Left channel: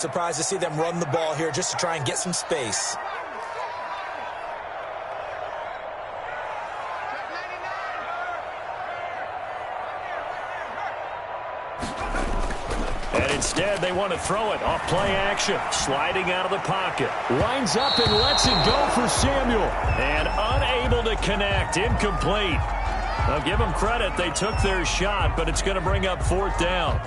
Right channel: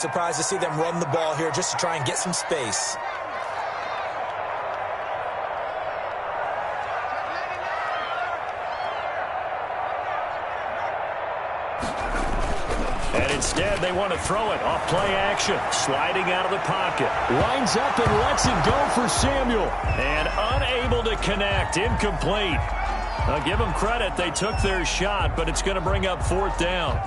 Surprised to see them run the ball here just to try and get some space. And instead, they want to throw it off play action. Sliding out of the pocket. Lines up and lets it go for Samuel. And unable to connect. Incomplete. I'll give them credit. They took their shot, but it's going to bring up 4th down.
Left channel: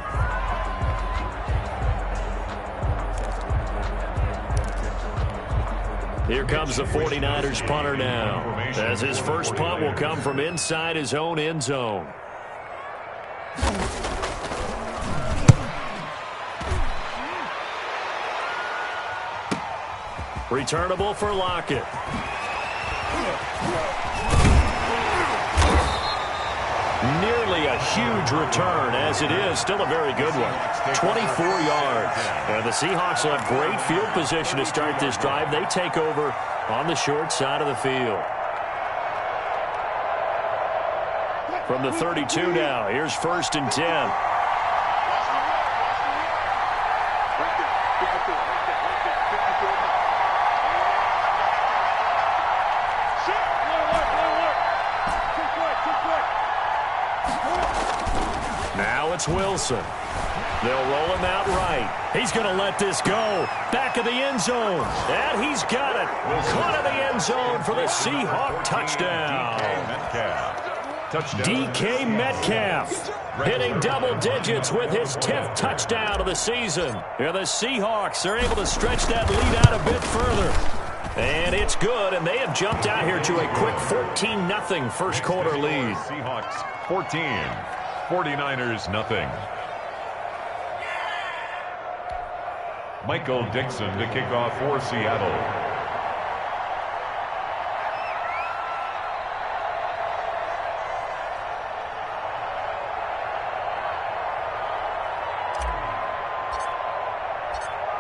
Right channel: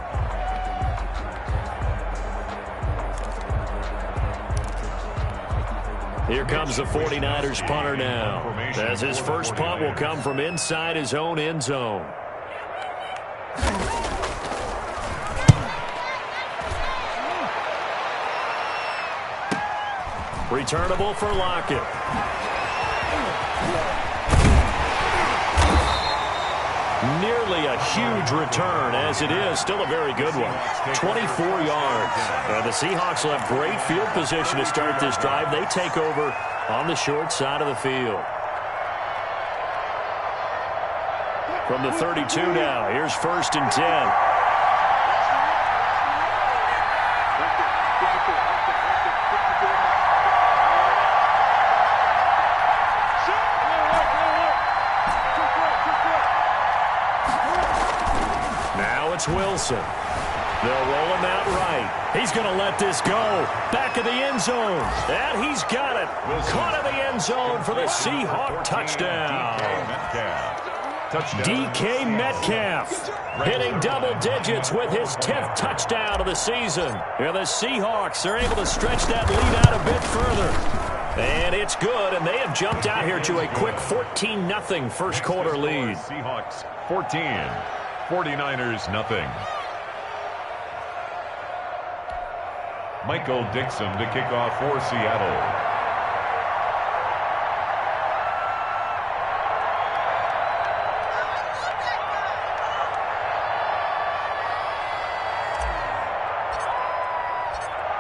Here comes the 49ers punter now, as his first punt will come from inside his own end zone. Returnable for Lockett. Nearly a huge return, as it is still a very good one. 24 yards. The Seahawks will have great field position to start this drive. They take over on the short side of the field. From the 32 now, here's 1st and 10. Now it's Wilson. They'll roll him out right. He's going to let this go. Back of the end zone. And he's got it. Caught in the end zone for the Seahawk touchdown. DK Metcalf hitting double digits with his 10th touchdown of the season. Here the Seahawks are able to stretch that lead out a bit further. And it's good, and they have jumped out here to a quick 14-0 first quarter lead. Seahawks 14, 49ers nothing. Michael Dixon to kick off for Seattle.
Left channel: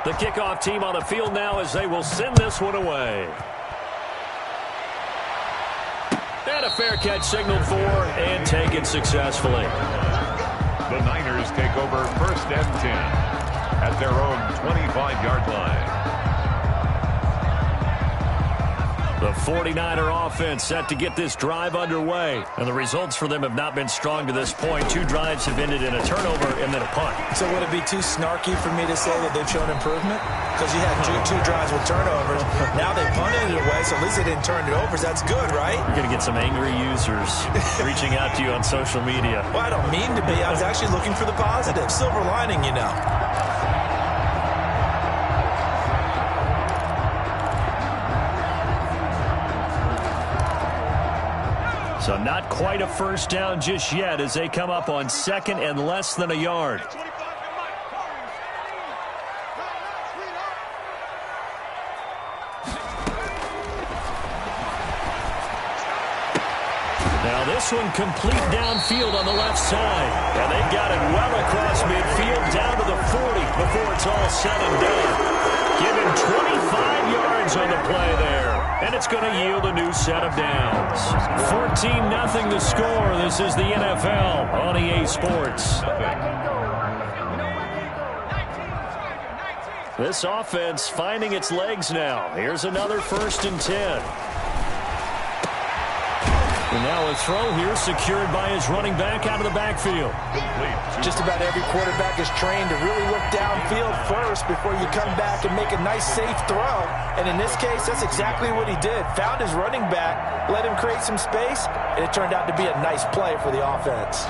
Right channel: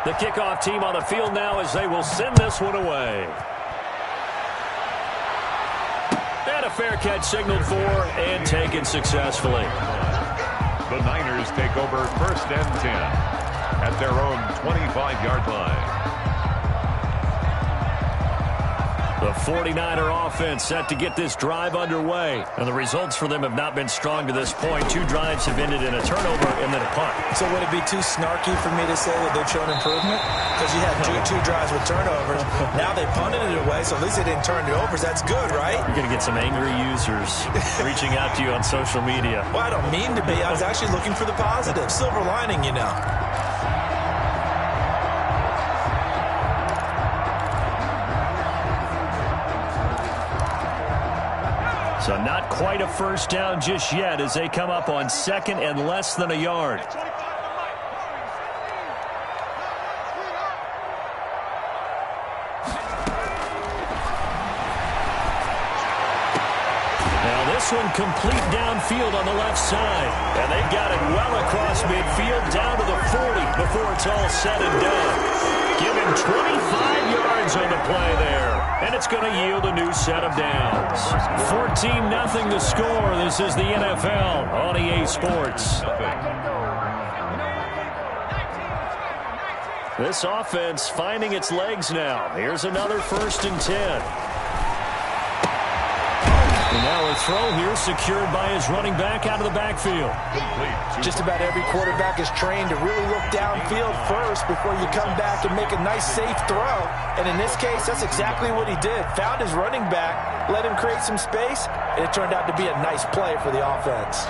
The kickoff team on the field now as they will send this one away. And a fair catch signaled for and taken successfully. The Niners take over 1st and 10 at their own 25-yard line. The 49er offense set to get this drive underway. And the results for them have not been strong to this point. 2 drives have ended in a turnover and then a punt. So would it be too snarky for me to say that they've shown improvement? Because you had two drives with turnovers. Now they punted it away, so at least they didn't turn it over. So that's good, right? You're going to get some angry users reaching out to you on social media. Well, I don't mean to be. I was actually looking for the positive. Silver lining, you know. So not quite a first down just yet as they come up on 2nd and less than a yard. Now this one complete downfield on the left side. And they've got it well across midfield down to the 40 before it's all said and done. Give him 25 yards on the play there. And it's going to yield a new set of downs. 14-0 the score. This is the NFL on EA Sports. This offense finding its legs now. Here's another 1st and 10. And now a throw here secured by his running back out of the backfield. Just about every quarterback is trained to really look downfield first before you come back and make a nice, safe throw. And in this case, that's exactly what he did. Found his running back, let him create some space, and it turned out to be a nice play for the offense.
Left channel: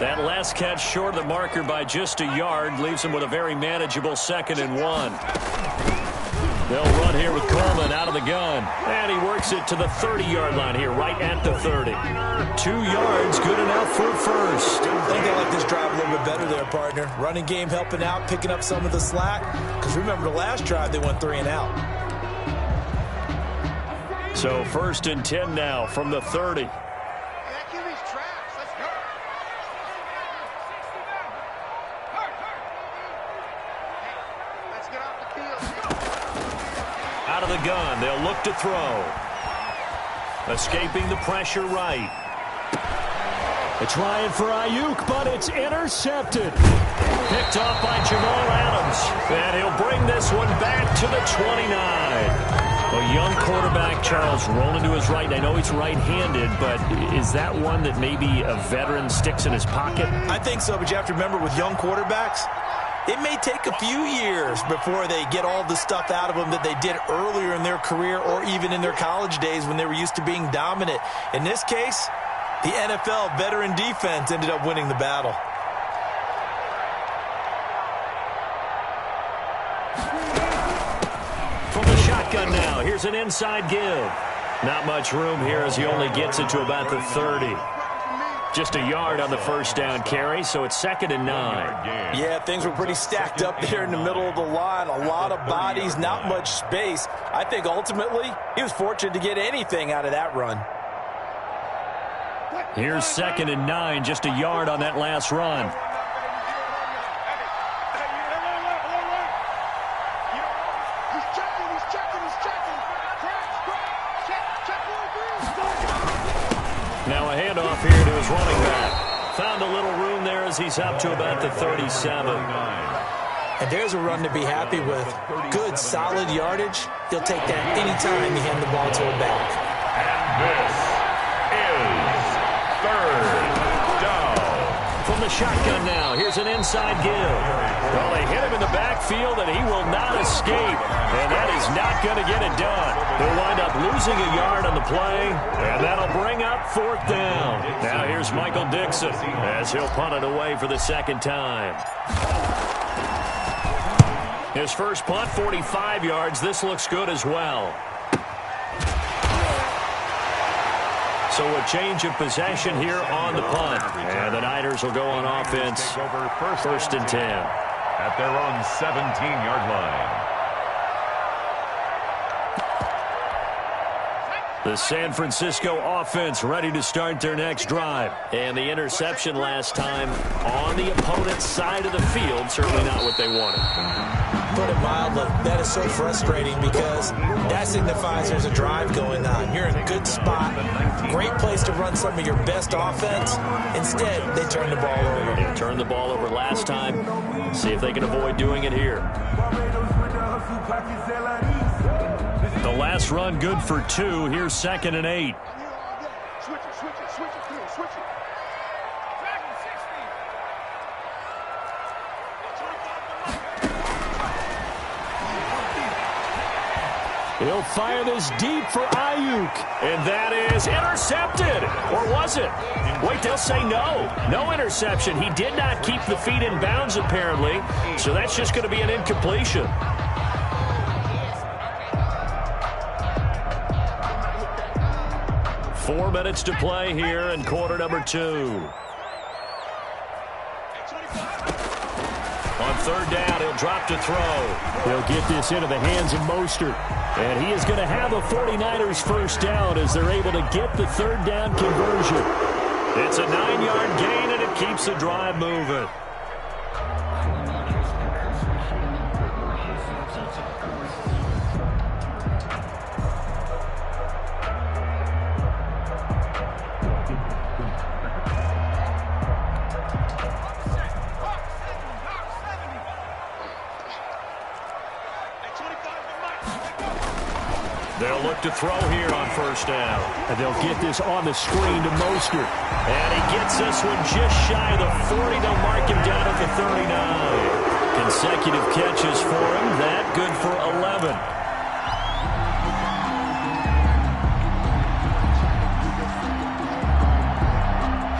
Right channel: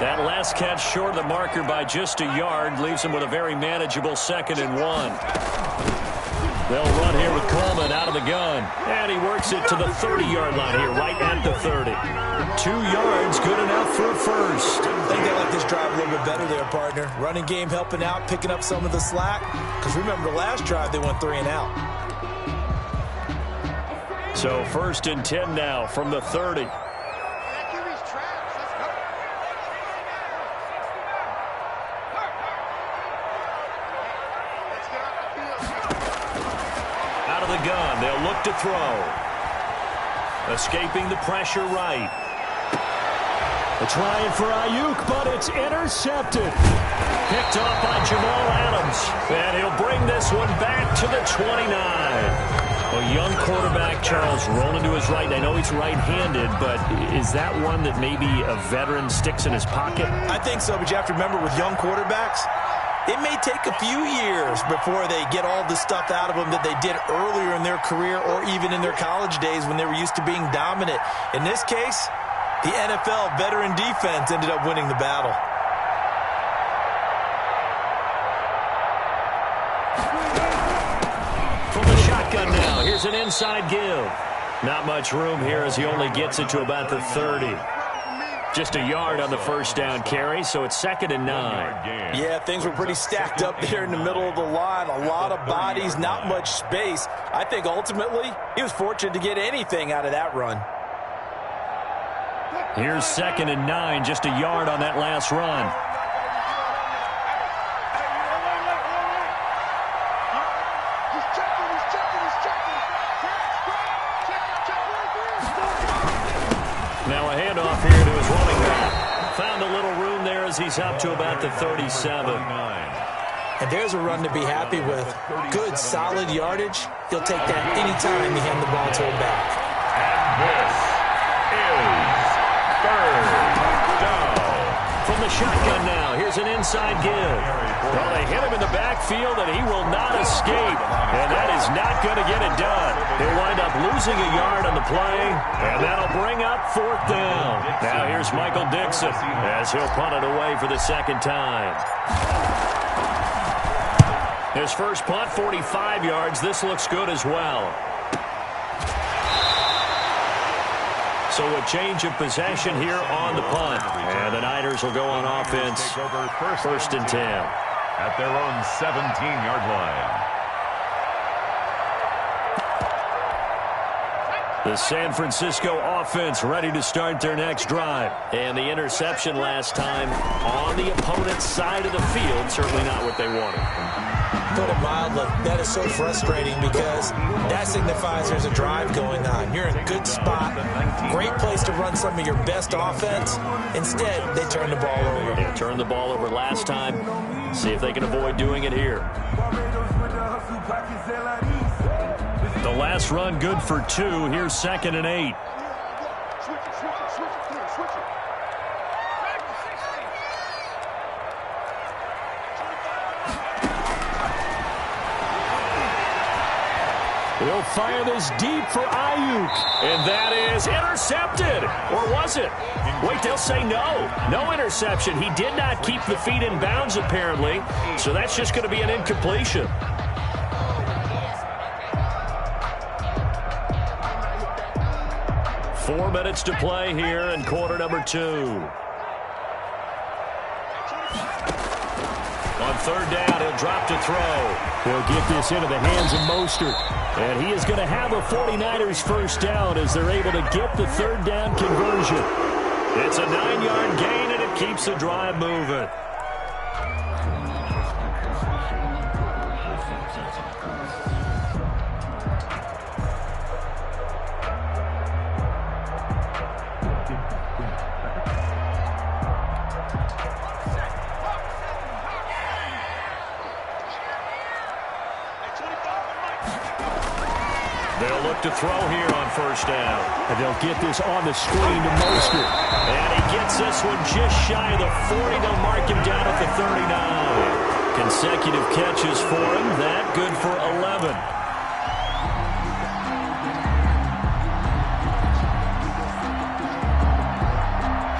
That last catch short of the marker by just a yard leaves him with a very manageable 2nd and 1. They'll run here with Coleman out of the gun. And he works it to the 30-yard line here, right at the 30. 2 yards, good enough for a first. I think they like this drive a little bit better there, partner. Running game helping out, picking up some of the slack. Because remember, the last drive, they went 3 and out. So 1st and 10 now from the 30. Out of the gun, they'll look to throw. Escaping the pressure right. They're trying for Ayuk, but it's intercepted. Picked off by Jamal Adams. And he'll bring this one back to the 29. A young quarterback, Charles, rolling to his right. I know he's right-handed, but is that one that maybe a veteran sticks in his pocket? I think so, but you have to remember with young quarterbacks, it may take a few years before they get all the stuff out of them that they did earlier in their career or even in their college days when they were used to being dominant. In this case, the NFL veteran defense ended up winning the battle. From the shotgun now, here's an inside give. Not much room here as he only gets it to about the 30. Just a yard on the first down carry, so it's 2nd and 9. Yeah, things were pretty stacked up there in the middle of the line. A lot of bodies, not much space. I think ultimately he was fortunate to get anything out of that run. Here's 2nd and 9, just a yard on that last run. Now a handoff here to his running back. Found a little room there as he's up to about the 37. And there's a run to be happy with. Good, solid yardage. He'll take that anytime you hand the ball to a back. And this is 3rd down. From the shotgun now, here's an inside give. Well, they hit him in the backfield, and he will not escape. And that is not going to get it done. He'll wind up losing a yard on the play, and that'll bring up 4th down. Now here's Michael Dixon as he'll punt it away for the 2nd time. His first punt, 45 yards. This looks good as well. So a change of possession here on the punt. And the Niners will go on offense. 1st and 10. At their own 17-yard line. The San Francisco offense ready to start their next drive. And the interception last time on the opponent's side of the field. Certainly not what they wanted. Put it mildly, that is so frustrating because that signifies there's a drive going on. You're in a good spot, great place to run some of your best offense. Instead, they turn the ball over. They turned the ball over last time. See if they can avoid doing it here. The last run good for 2. Here's 2nd and 8. Switch it. He'll fire this deep for Ayuk. And that is intercepted. Or was it? Wait, they'll say no. No interception. He did not keep the feet in bounds, apparently. So that's just going to be an incompletion. Four minutes to play here in quarter number 2. On 3rd down, he'll drop to throw. He'll get this into the hands of Mostert. And he is going to have a 49ers first down as they're able to get the 3rd down conversion. It's a 9-yard gain, and it keeps the drive moving. They'll look to throw here on 1st down. And they'll get this on the screen to Mostert. And he gets this one just shy of the 40. They'll mark him down at the 39. Consecutive catches for him. That good for 11.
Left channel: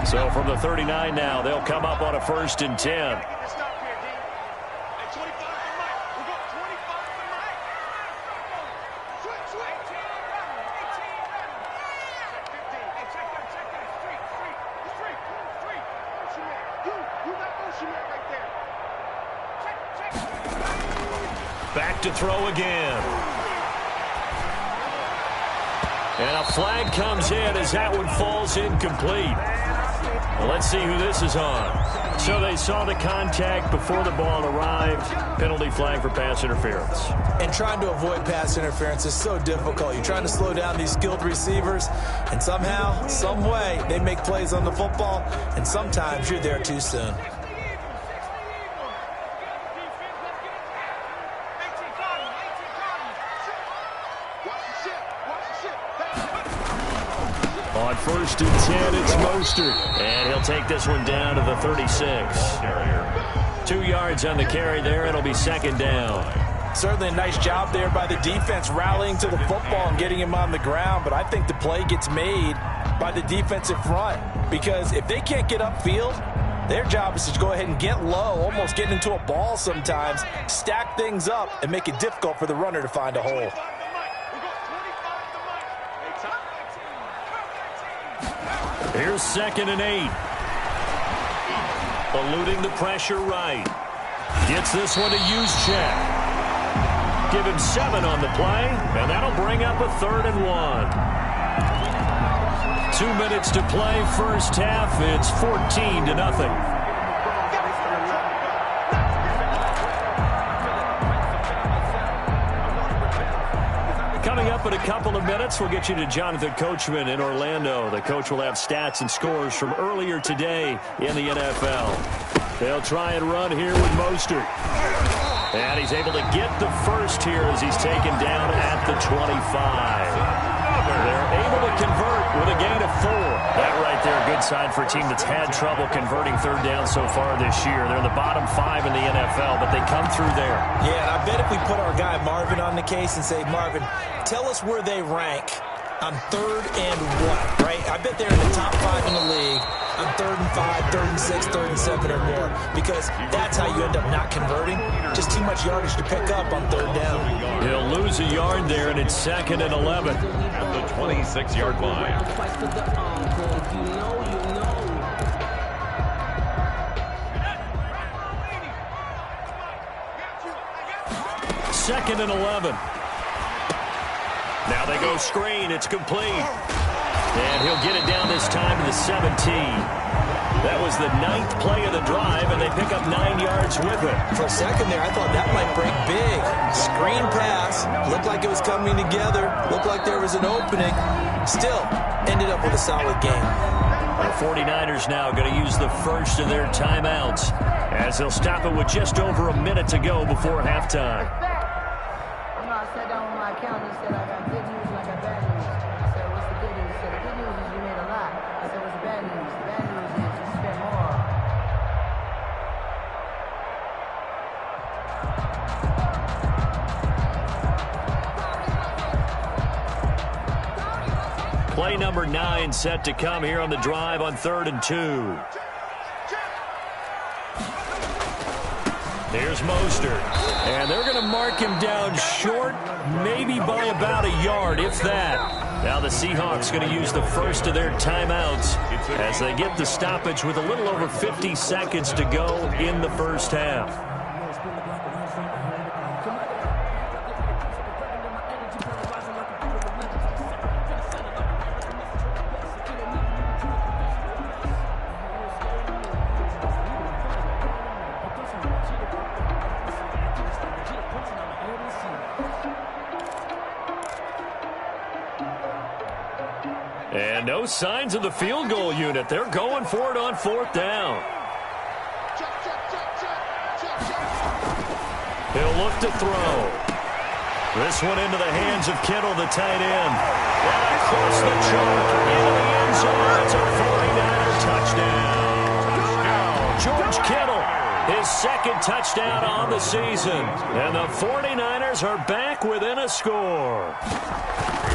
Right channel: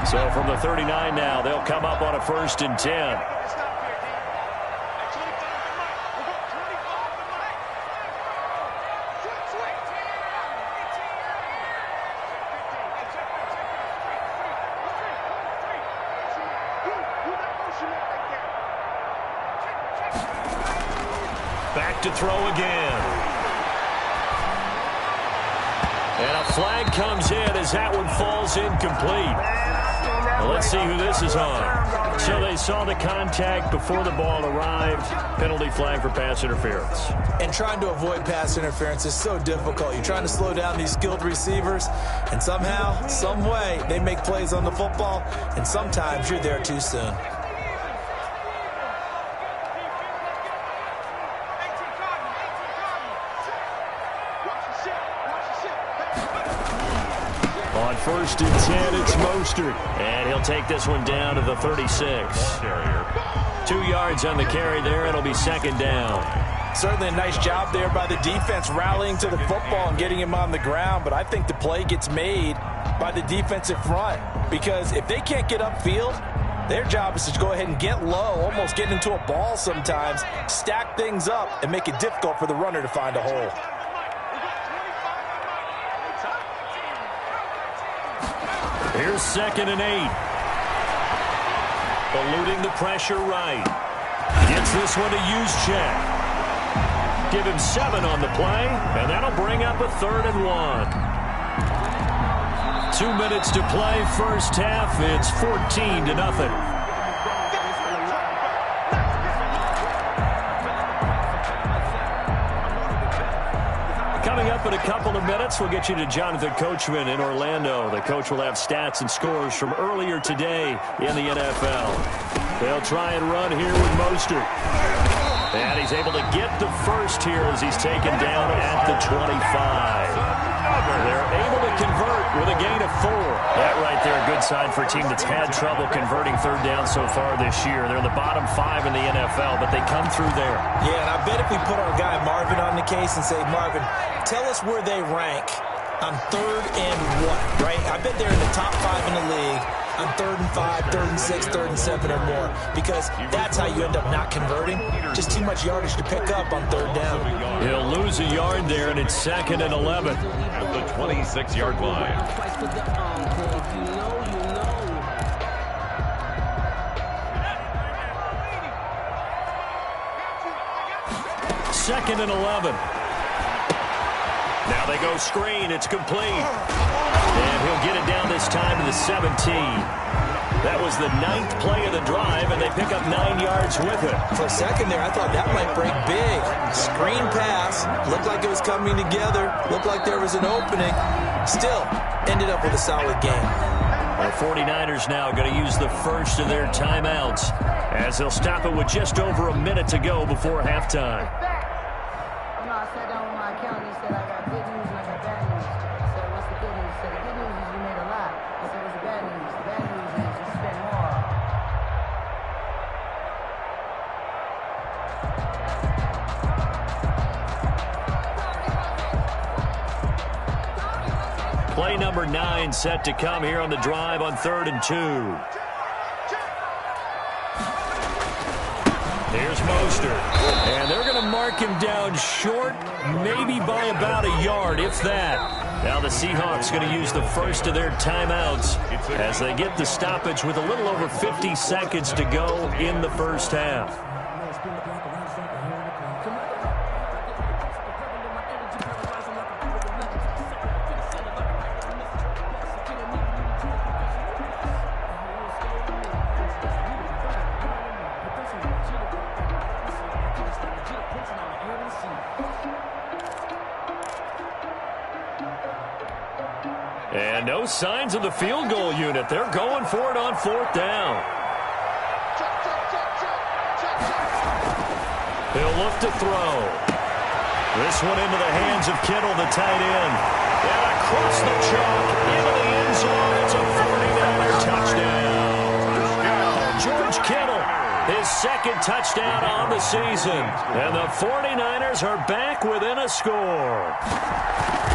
So from the 39 now, they'll come up on a 1st and 10. Back to throw again. And a flag comes in as that one falls incomplete. Well, let's see who this is on. So they saw the contact before the ball arrived. Penalty flag for pass interference. And trying to avoid pass interference is so difficult. You're trying to slow down these skilled receivers, and somehow, some way, they make plays on the football, and sometimes you're there too soon. On 1st and 10, it's Mostert. And he'll take this one down to the 36. 2 yards on the carry there. It'll be 2nd down. Certainly a nice job there by the defense rallying to the football and getting him on the ground. But I think the play gets made by the defensive front. Because if they can't get upfield, their job is to go ahead and get low, almost get into a ball sometimes, stack things up, and make it difficult for the runner to find a hole. Here's 2nd and 8. Eluding the pressure right. Gets this one to Juszczyk. Give him 7 on the play, and that'll bring up a 3rd and 1. 2 minutes to play, first half. It's 14-0. Coming up in a couple of minutes, we'll get you to Jonathan Coachman in Orlando. The coach will have stats and scores from earlier today in the NFL. They'll try and run here with Mostert. And he's able to get the first here as he's taken down at the 25. They're able to convert with a gain of 4. That right there, a good sign for a team that's had trouble converting 3rd down so far this year. They're in the bottom 5 in the NFL, but they come through there. Yeah, and I bet if we put our guy Marvin on the case and say, Marvin, tell us where they rank on 3rd and what, right? I bet they're in the top 5 in the league on 3rd and 5, 3rd and 6, 3rd and 7 or more, because that's how you end up not converting. Just too much yardage to pick up on 3rd down. He'll lose a yard there, and it's 2nd and 11. At the 26-yard line. Second and 11. Now they go screen. It's complete. And he'll get it down this time to the 17. That was the 9th play of the drive, and they pick up 9 yards with it. For a second there, I thought that might break big. Screen pass. Looked like it was coming together. Looked like there was an opening. Still, ended up with a solid game. The 49ers now going to use the first of their timeouts as they'll stop it with just over a minute to go before halftime. You know, I sat down with my accountant. He said, I got good news and I got bad news. I said, what's the good news? He said, the good news is you made a lot. I said, what's the bad news? The bad news is you spent more. Play number 9 set to come here on the drive on 3rd and 2. Here's Mostert. And they're going to mark him down short, maybe by about a yard, if that. Now the Seahawks going to use the first of their timeouts as they get the stoppage with a little over 50 seconds to go in the first half. And no signs of the field goal unit. They're going for it on 4th down. He'll look to throw. This one into the hands of Kittle, the tight end. And across the chalk, into the end zone. It's a 49er touchdown. George Kittle, his 2nd touchdown on the season. And the 49ers are back within a score.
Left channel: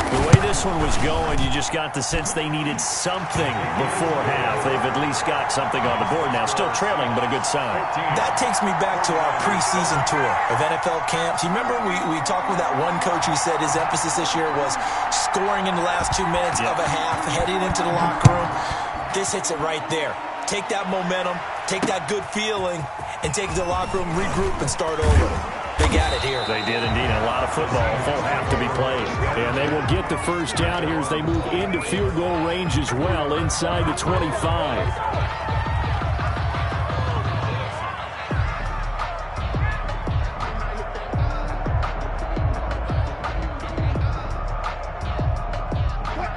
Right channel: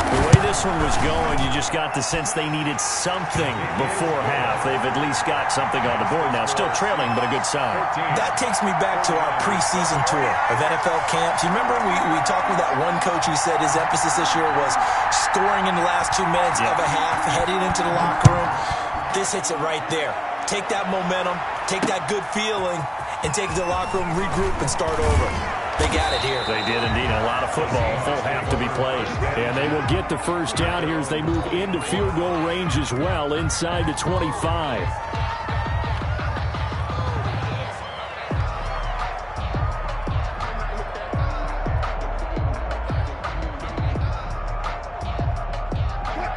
The way this one was going, you just got the sense they needed something before half. They've at least got something on the board now. Still trailing, but a good sign. That takes me back to our preseason tour of NFL camps. You remember we talked with that one coach who said his emphasis this year was scoring in the last 2 minutes of a half, heading into the locker room. This hits it right there. Take that momentum, take that good feeling, and take it to the locker room, regroup, and start over. They got it here. They did indeed. A lot of football, full half to be played. And they will get the first down here as they move into field goal range as well, inside the 25.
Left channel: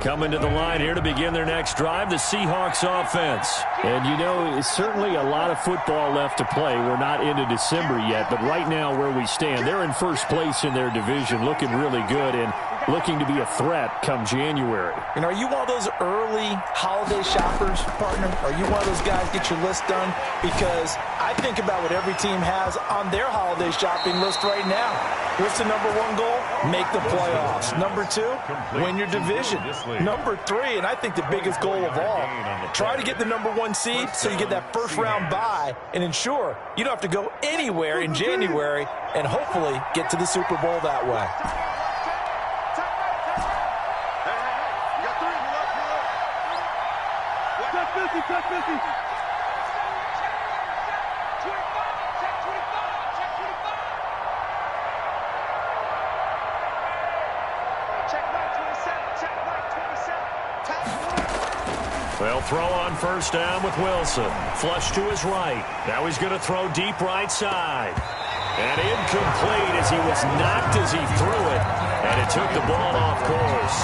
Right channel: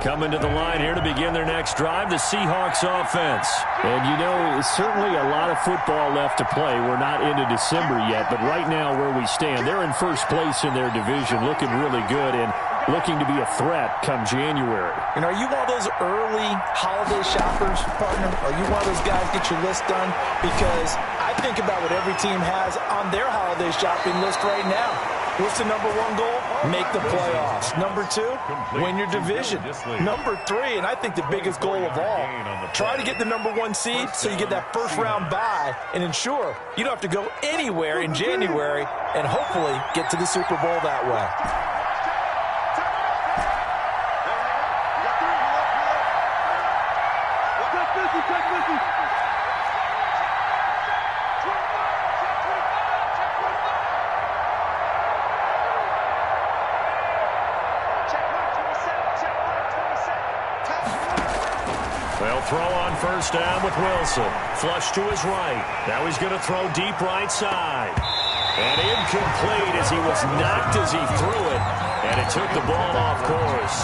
Coming to the line here to begin their next drive, the Seahawks offense. And, you know, certainly a lot of football left to play. We're not into December yet, but right now where we stand, they're in first place in their division, looking really good and looking to be a threat come January. And are you one of those early holiday shoppers, partner? Are you one of those guys get your list done? Because I think about what every team has on their holiday shopping list right now. What's the number one goal? Make the playoffs. Number two, win your division. Number three, and I think the biggest goal of all, try to get the number one seed so you get that first round bye and ensure you don't have to go anywhere in January and hopefully get to the Super Bowl that way. Touch 50. They'll throw on first down with Wilson. Flush to his right. Now he's going to throw deep right side. And incomplete as he was knocked as he threw it. And it took the ball off course.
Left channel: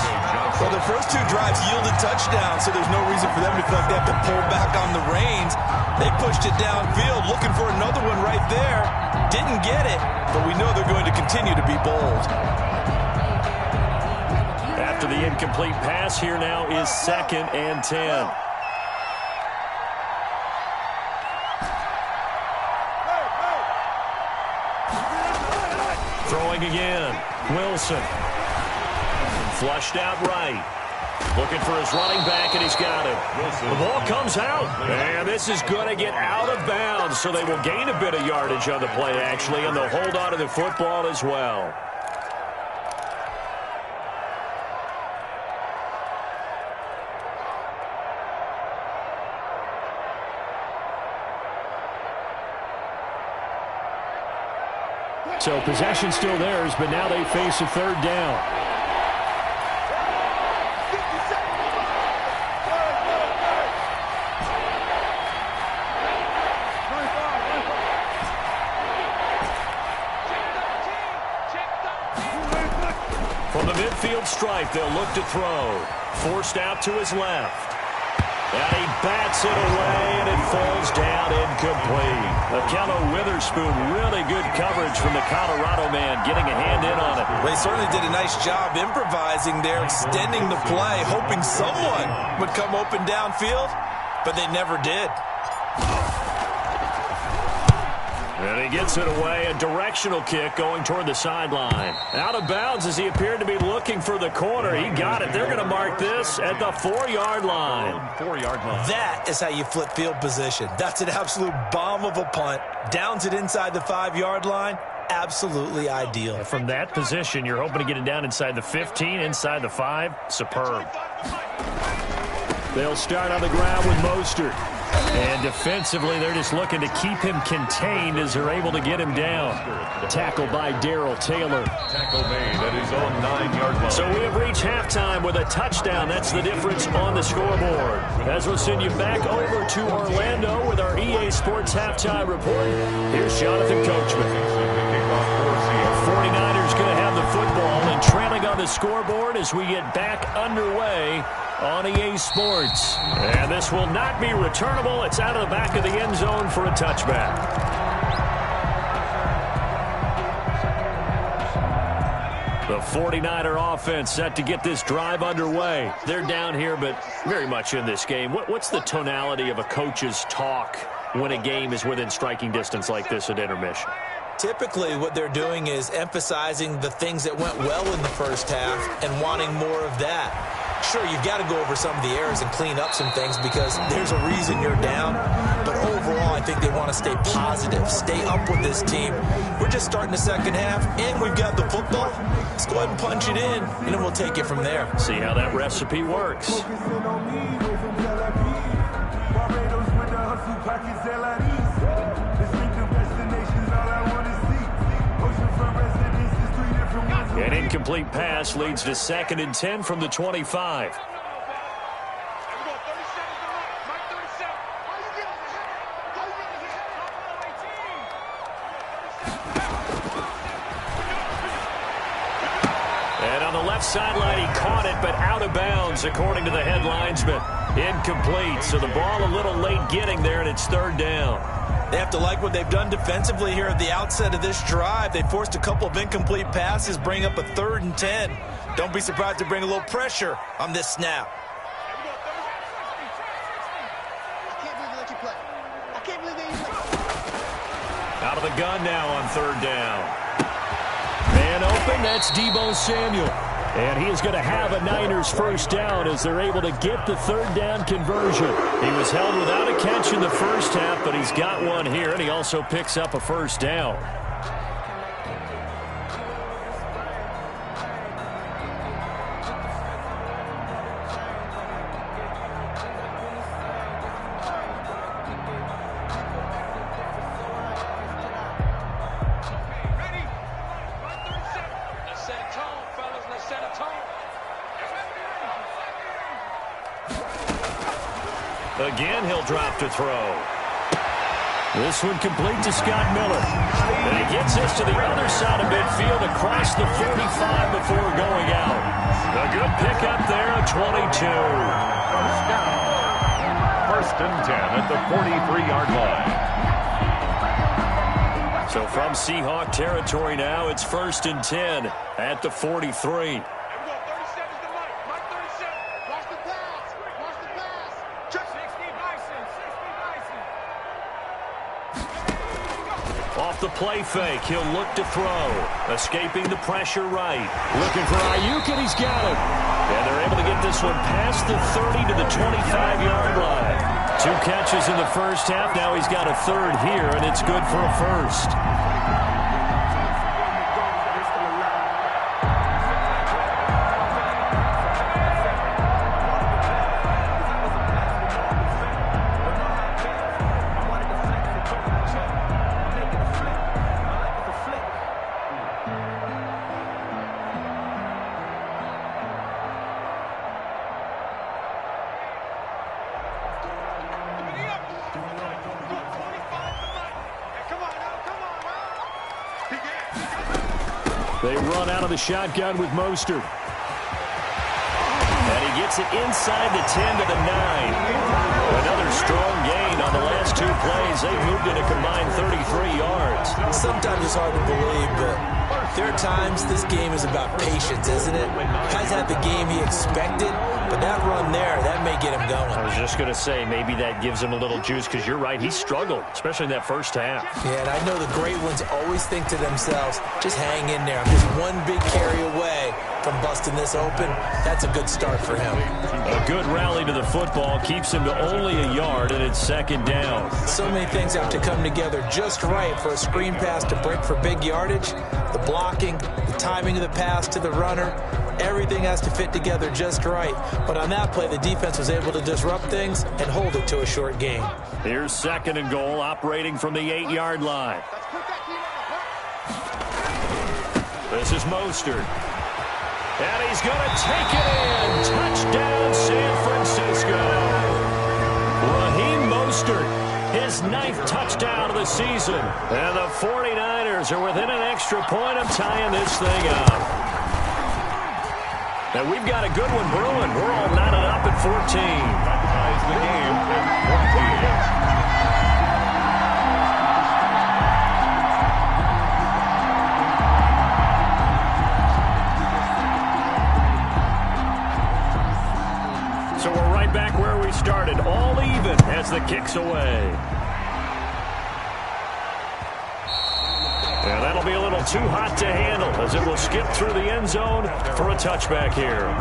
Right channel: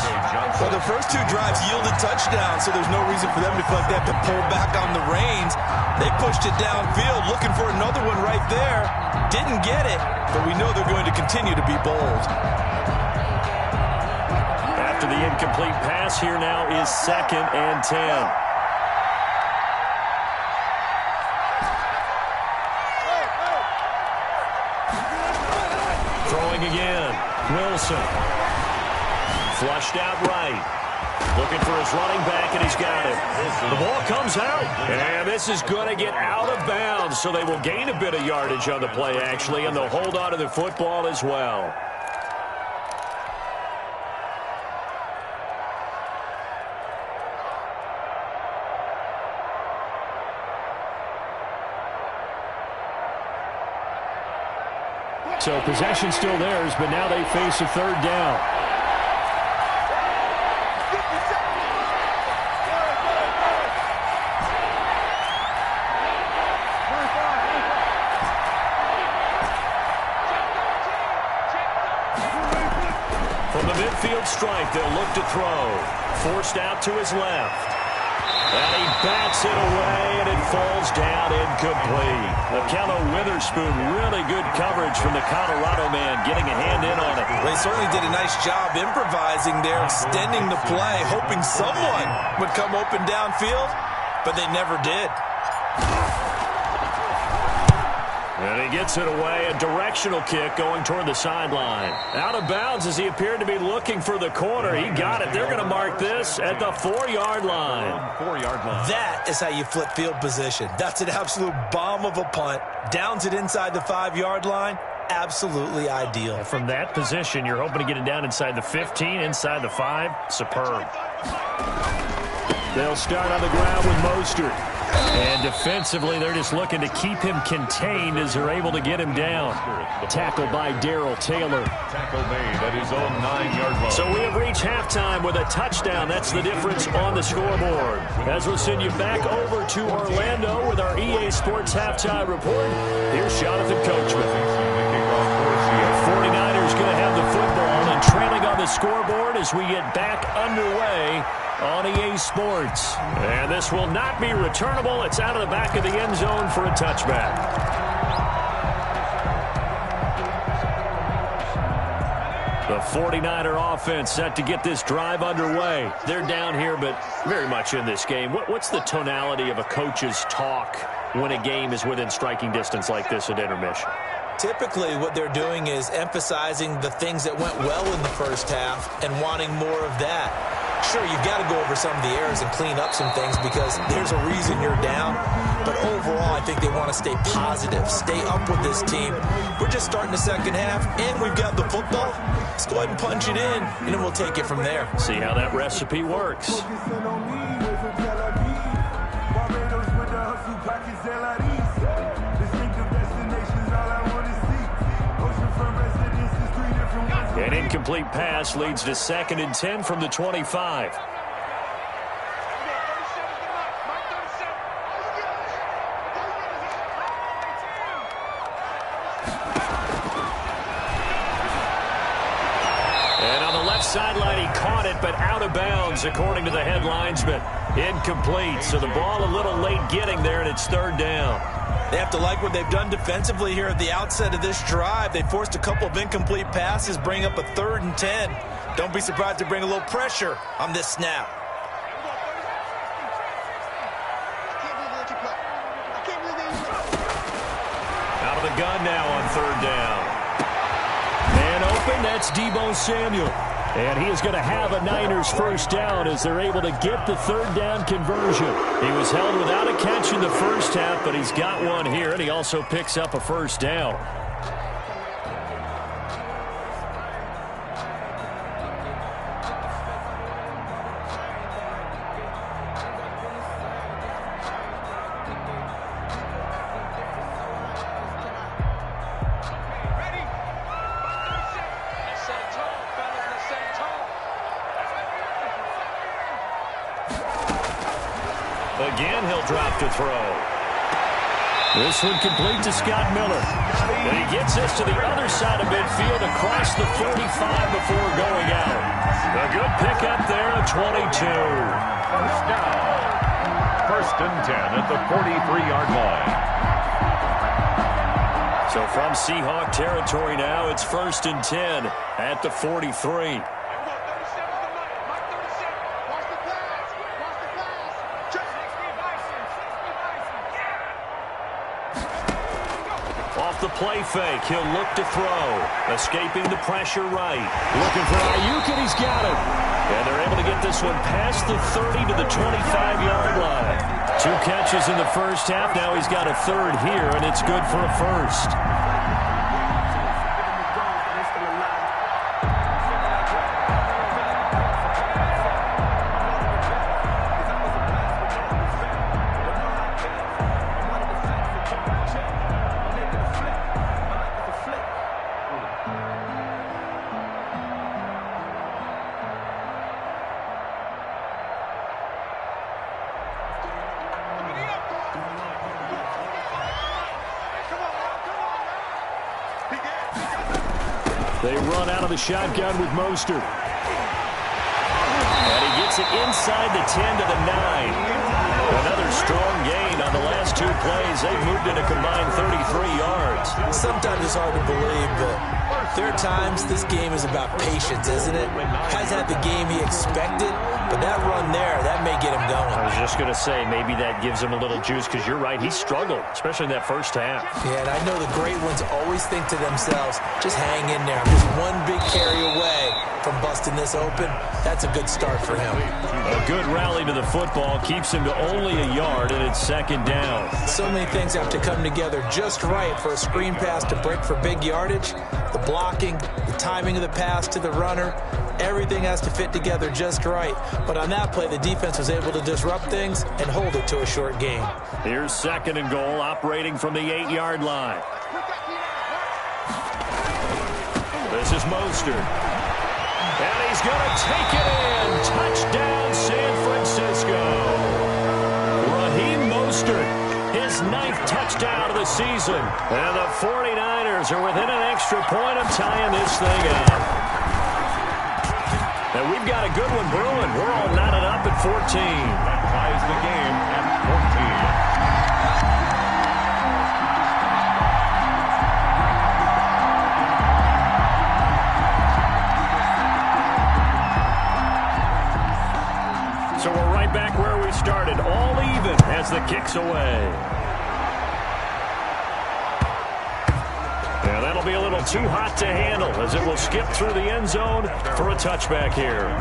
Well, the first two drives yielded touchdowns, so there's no reason for them to feel like they have to pull back on the reins. They pushed it downfield, looking for another one right there. Didn't get it, but we know they're going to continue to be bold. After the incomplete pass, here now is 2nd and 10. Throwing again. Wilson. Flushed out right. Looking for his running back, and he's got it. The ball comes out, and this is going to get out of bounds, so they will gain a bit of yardage on the play, actually, and they'll hold on to the football as well. So possession still theirs, but now they face a third down. From the midfield stripe, they'll look to throw. Forced out to his left. And he bats it away, and it falls down incomplete. Akello Witherspoon, really good coverage from the Colorado man, getting a hand in on it. They certainly did a nice job improvising there, extending the play, hoping someone would come open downfield, but they never did. And he gets it away, a directional kick going toward the sideline. Out of bounds as he appeared to be looking for the corner. He got it. They're going to mark this at the 4-yard line. 4-yard line. That is how you flip field position. That's an absolute bomb of a punt. Downs it inside the 5-yard line. Absolutely ideal. And from that position, you're hoping to get it down inside the 15, inside the 5. Superb. They'll start on the ground with Mostert. And defensively, they're just looking to keep him contained as they're able to get him down. Tackled by Darrell Taylor. Tackle made at his own 9-yard line. So we have reached halftime with a touchdown. That's the difference on the scoreboard. As we'll send you back over to Orlando with our EA Sports Halftime Report, here's Jonathan Coachman. The 49ers going to have the football and trailing on the scoreboard as we get back underway on EA Sports. And this will not be returnable. It's out of the back of the end zone for a touchback. The 49er offense set to get this drive underway. They're down here, but very much in this game. What's the tonality of a coach's talk when a game is within striking distance like this at intermission? Typically, what they're doing is emphasizing the things that went well in the first half and wanting more of that. Sure, you've got to go over some of the errors and clean up some things because there's a reason you're down. But overall, I think they want to stay positive, stay up with this team. We're just starting the second half, and we've got the football. Let's go ahead and punch it in, and then we'll take it from there. See how that recipe works. Distinctive destinations, all I want to see. Ocean An incomplete pass leads to 2nd and 10 from the 25. And on the left sideline, he caught it, but out of bounds, according to the head linesman. Incomplete, so the ball a little late getting there, and it's 3rd down. They have to like what they've done defensively here at the outset of this drive. They forced a couple of incomplete passes, bring up a 3rd and 10. Don't be surprised to bring a little pressure on this snap. Out of the gun now on 3rd down. Man open, that's Deebo Samuel. And he is going to have a Niners first down as they're able to get the 3rd down conversion. He was held without a catch in the first half, but he's got one here, and he also picks up a first down. Again, he'll drop to throw. This one complete to Scott Miller. And he gets this to the other side of midfield across the 45 before going out. A good pickup there at 22. First down. 1st and 10 at the 43-yard line. So from Seahawk territory now, it's 1st and 10 at the 43. Off the play fake, he'll look to throw. Escaping the pressure right. Looking for Ayuk, and he's got him. And they're able to get this one past the 30 to the 25-yard line. 2 catches in the first half. Now he's got a 3rd here, and it's good for a first. They run out of the shotgun with Mostert. And he gets it inside the 10 to the 9. Another strong gain on the last 2 plays. They've moved it a combined 33 yards. Sometimes it's hard to believe, but there are times this game is about patience, isn't it? Guys had the game he expected, but that run there, that may get him going. I was just going to say, maybe that gives him a little juice, because you're right, he struggled, especially in that first half. Yeah, and I know the great ones always think to themselves, just hang in there. I'm just one big carry away from busting this open. That's a good start for him. A good rally to the football keeps him to only a yard, and it's 2nd down. So many things have to come together just right for a screen pass to break for big yardage. The blocking, the timing of the pass to the runner, everything has to fit together just right. But on that play, the defense was able to disrupt things and hold it to a short gain. Here's 2nd and goal, operating from the 8-yard line. This is Mostert. And he's going to take it in. Touchdown, San Francisco. Raheem Mostert, his 9th touchdown of the season. And the 49ers are within an extra point of tying this thing up. And we've got a good one brewing. We're all knotted up at 14. That ties the game at 14. So we're right back where we started, all even as the kick's away. And that'll be a little too hot to handle as it will skip through the end zone for a touchback here.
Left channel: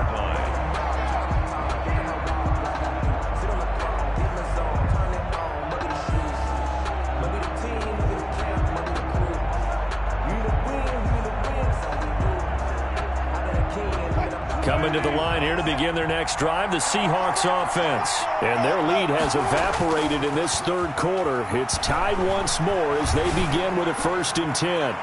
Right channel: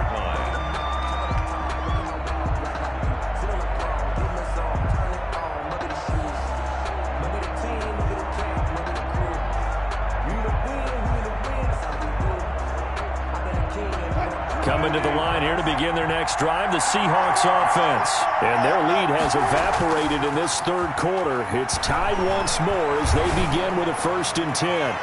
Coming to the line here to begin their next drive, the Seahawks offense. And their lead has evaporated in this 3rd quarter. It's tied once more as they begin with a 1st and 10.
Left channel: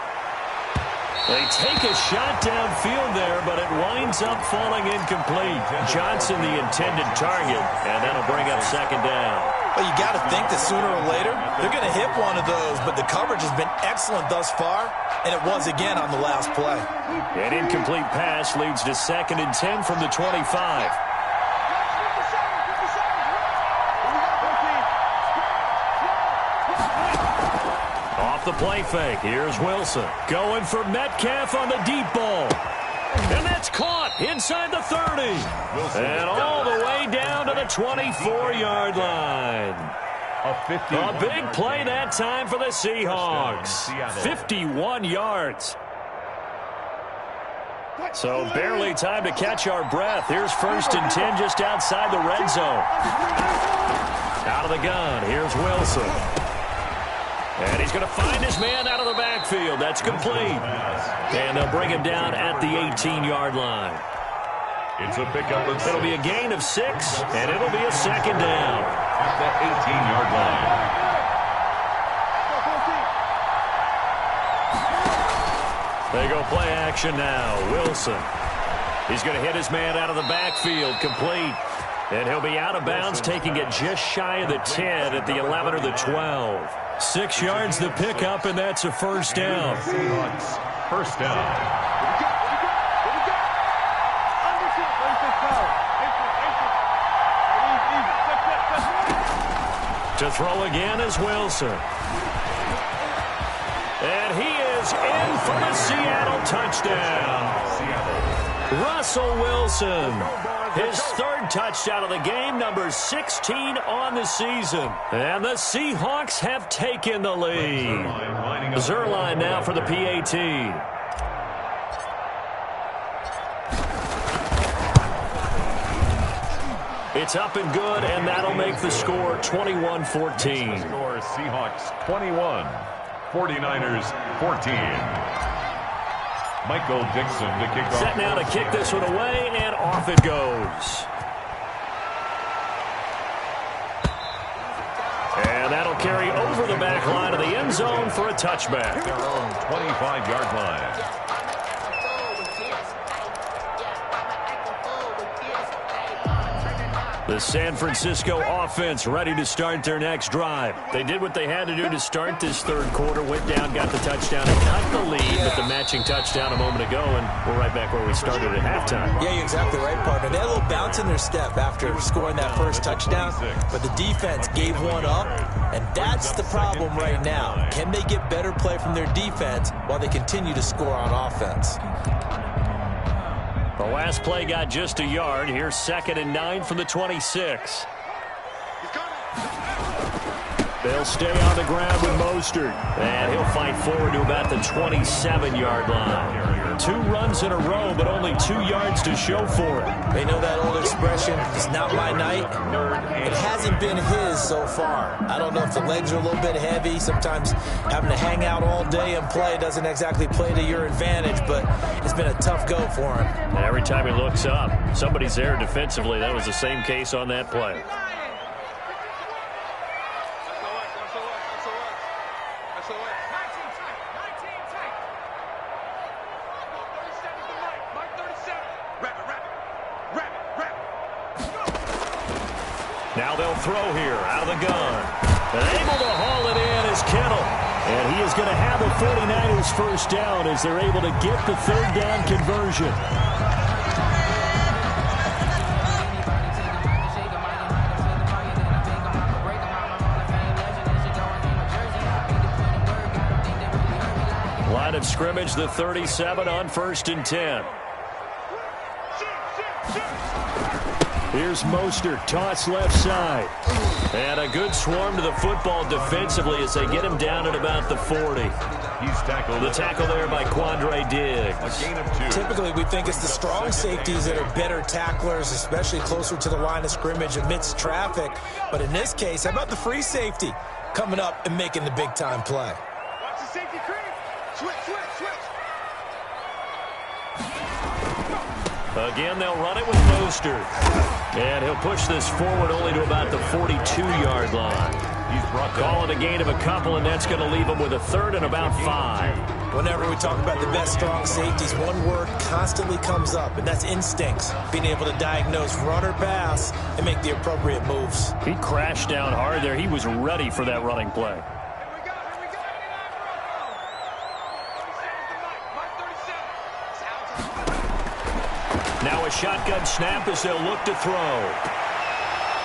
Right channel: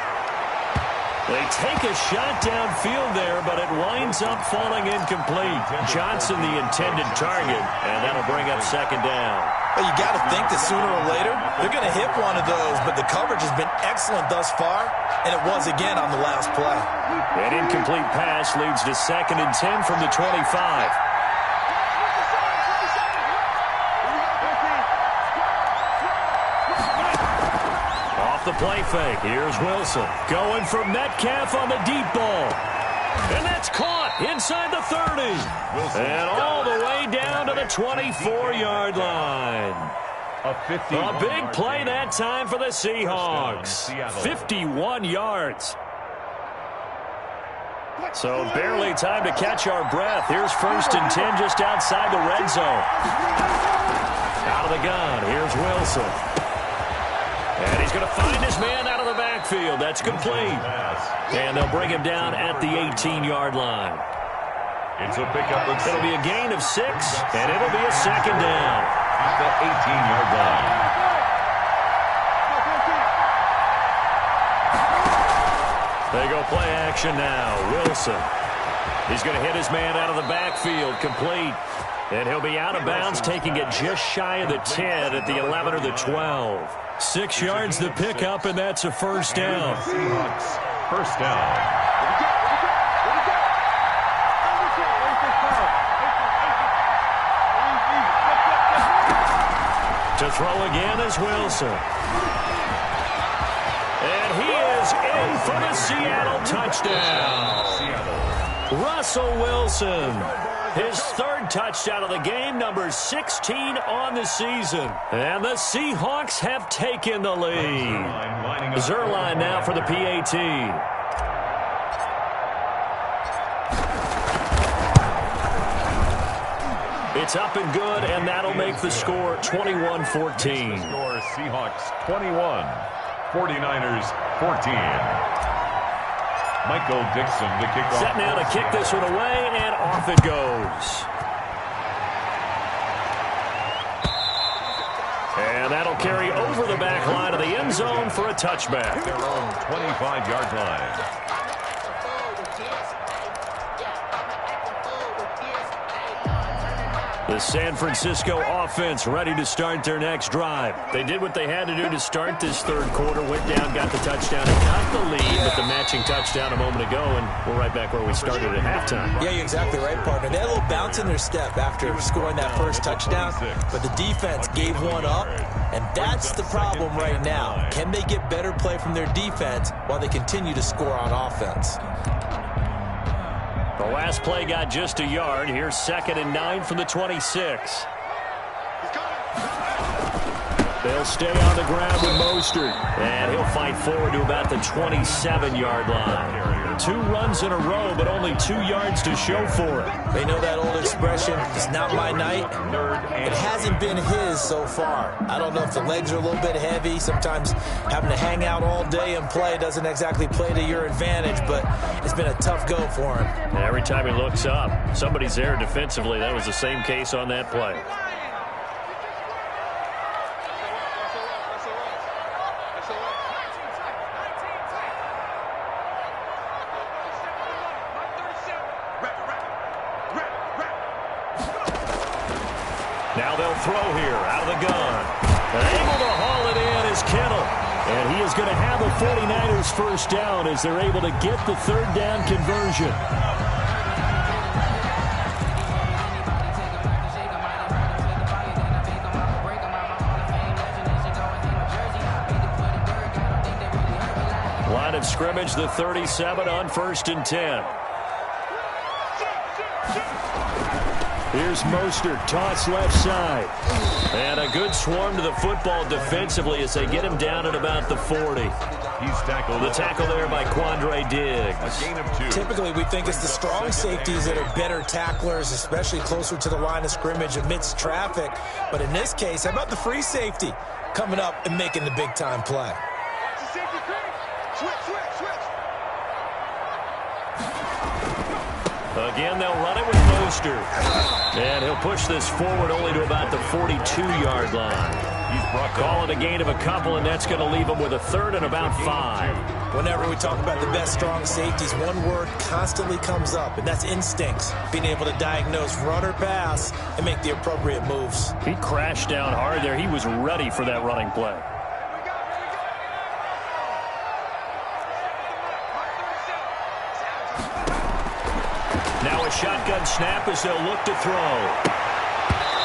They take a shot downfield there, but it winds up falling incomplete. Johnson the intended target, and that'll bring up second down. Well, you got to think that sooner or later they're going to hit one of those, but the coverage has been excellent thus far, and it was again on the last play. An incomplete pass leads to 2nd and 10 from the 25. Off the play fake, here's Wilson. Going for Metcalf on the deep ball. And that's caught inside the 30. And all the way down to the 24-yard line. A big play that time for the Seahawks. 51 yards. So barely time to catch our breath. Here's 1st and 10 just outside the red zone. Out of the gun, here's Wilson. And he's going to find his man out of the backfield. That's complete. And they'll bring him down at the 18-yard line. It's a pickup. It'll be a gain of 6, and it'll be a second down. At the 18-yard line. They go play action now. Wilson. He's going to hit his man out of the backfield. Complete. And he'll be out of bounds, taking it just shy of the 10 at the 11 or the 12. 6 yards to pick up, and that's a first down. Seahawks, first down. To throw again is Wilson. And he is in for the Seattle touchdown. Russell Wilson. His 3rd touchdown of the game, number 16 on the season. And the Seahawks have taken the lead. Zerline now for the PAT. It's up and good, and that'll make the score 21-14. Score Seahawks 21, 49ers 14. Michael Dixon to kick off. Set now to kick this one away, and off it goes. And that'll carry over the back line of the end zone for a touchback. Their own 25-yard line. The San Francisco offense ready to start their next drive. They did what they had to do to start this 3rd quarter, went down, got the touchdown, and cut the lead with the matching touchdown a moment ago, and we're right back where we started at halftime. Yeah, you're exactly right, partner. They had a little bounce in their step after scoring that first touchdown, but the defense gave one up, and that's the problem right now. Can they get better play from their defense while they continue to score on offense? The last play got just a yard. Here's 2nd and 9 from the 26. They'll stay on the ground with Mostert. And he'll fight forward to about the 27-yard line. 2 runs in a row, but only 2 yards to show for it. They know that old expression, it's not my night. It hasn't been his so far. I don't know if the legs are a little bit heavy. Sometimes having to hang out all day and play doesn't exactly play to your advantage, but it's been a tough go for him. And every time he looks up, somebody's there defensively. That was the same case on that play. Now they'll throw here out of the gun. And able to haul it in is Kittle. And he is going to have a 49ers first down as they're able to get the 3rd down conversion. Line of scrimmage, the 37 on 1st and 10. Here's Mostert, toss left side. And a good swarm to the football defensively as they get him down at about the 40. He's tackled. The tackle there by Quandre Diggs. A gain of 2. Typically, we think it's the strong safeties that are better tacklers, especially closer to the line of scrimmage amidst traffic. But in this case, how about the free safety coming up and making the big-time play? Watch the safety creep. Switch. Again, they'll run it with Mostert. And he'll push this forward only to about the 42-yard line. He's brought calling a gain of a couple, and that's going to leave him with a 3rd and about 5. Whenever we talk about the best strong safeties, one word constantly comes up, and that's instincts. Being able to diagnose run or pass and make the appropriate moves. He crashed down hard there. He was ready for that running play. Now a shotgun snap as they'll look to throw.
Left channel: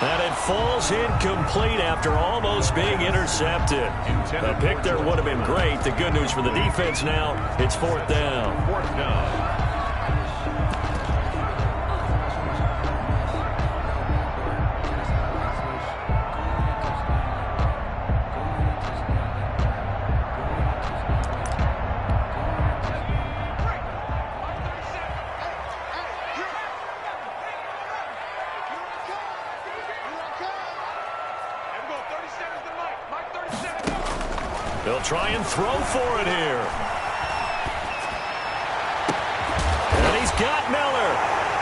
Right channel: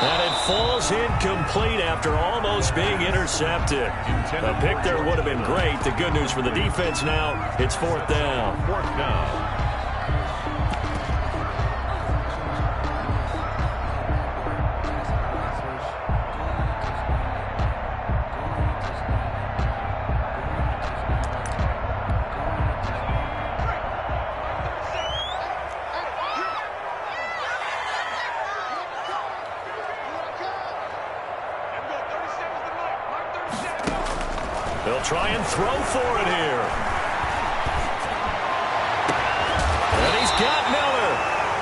And it falls incomplete after almost being intercepted. A pick there would have been great. The good news for the defense now, it's 4th down. 4th down. They'll try and throw for it here. And he's got Miller.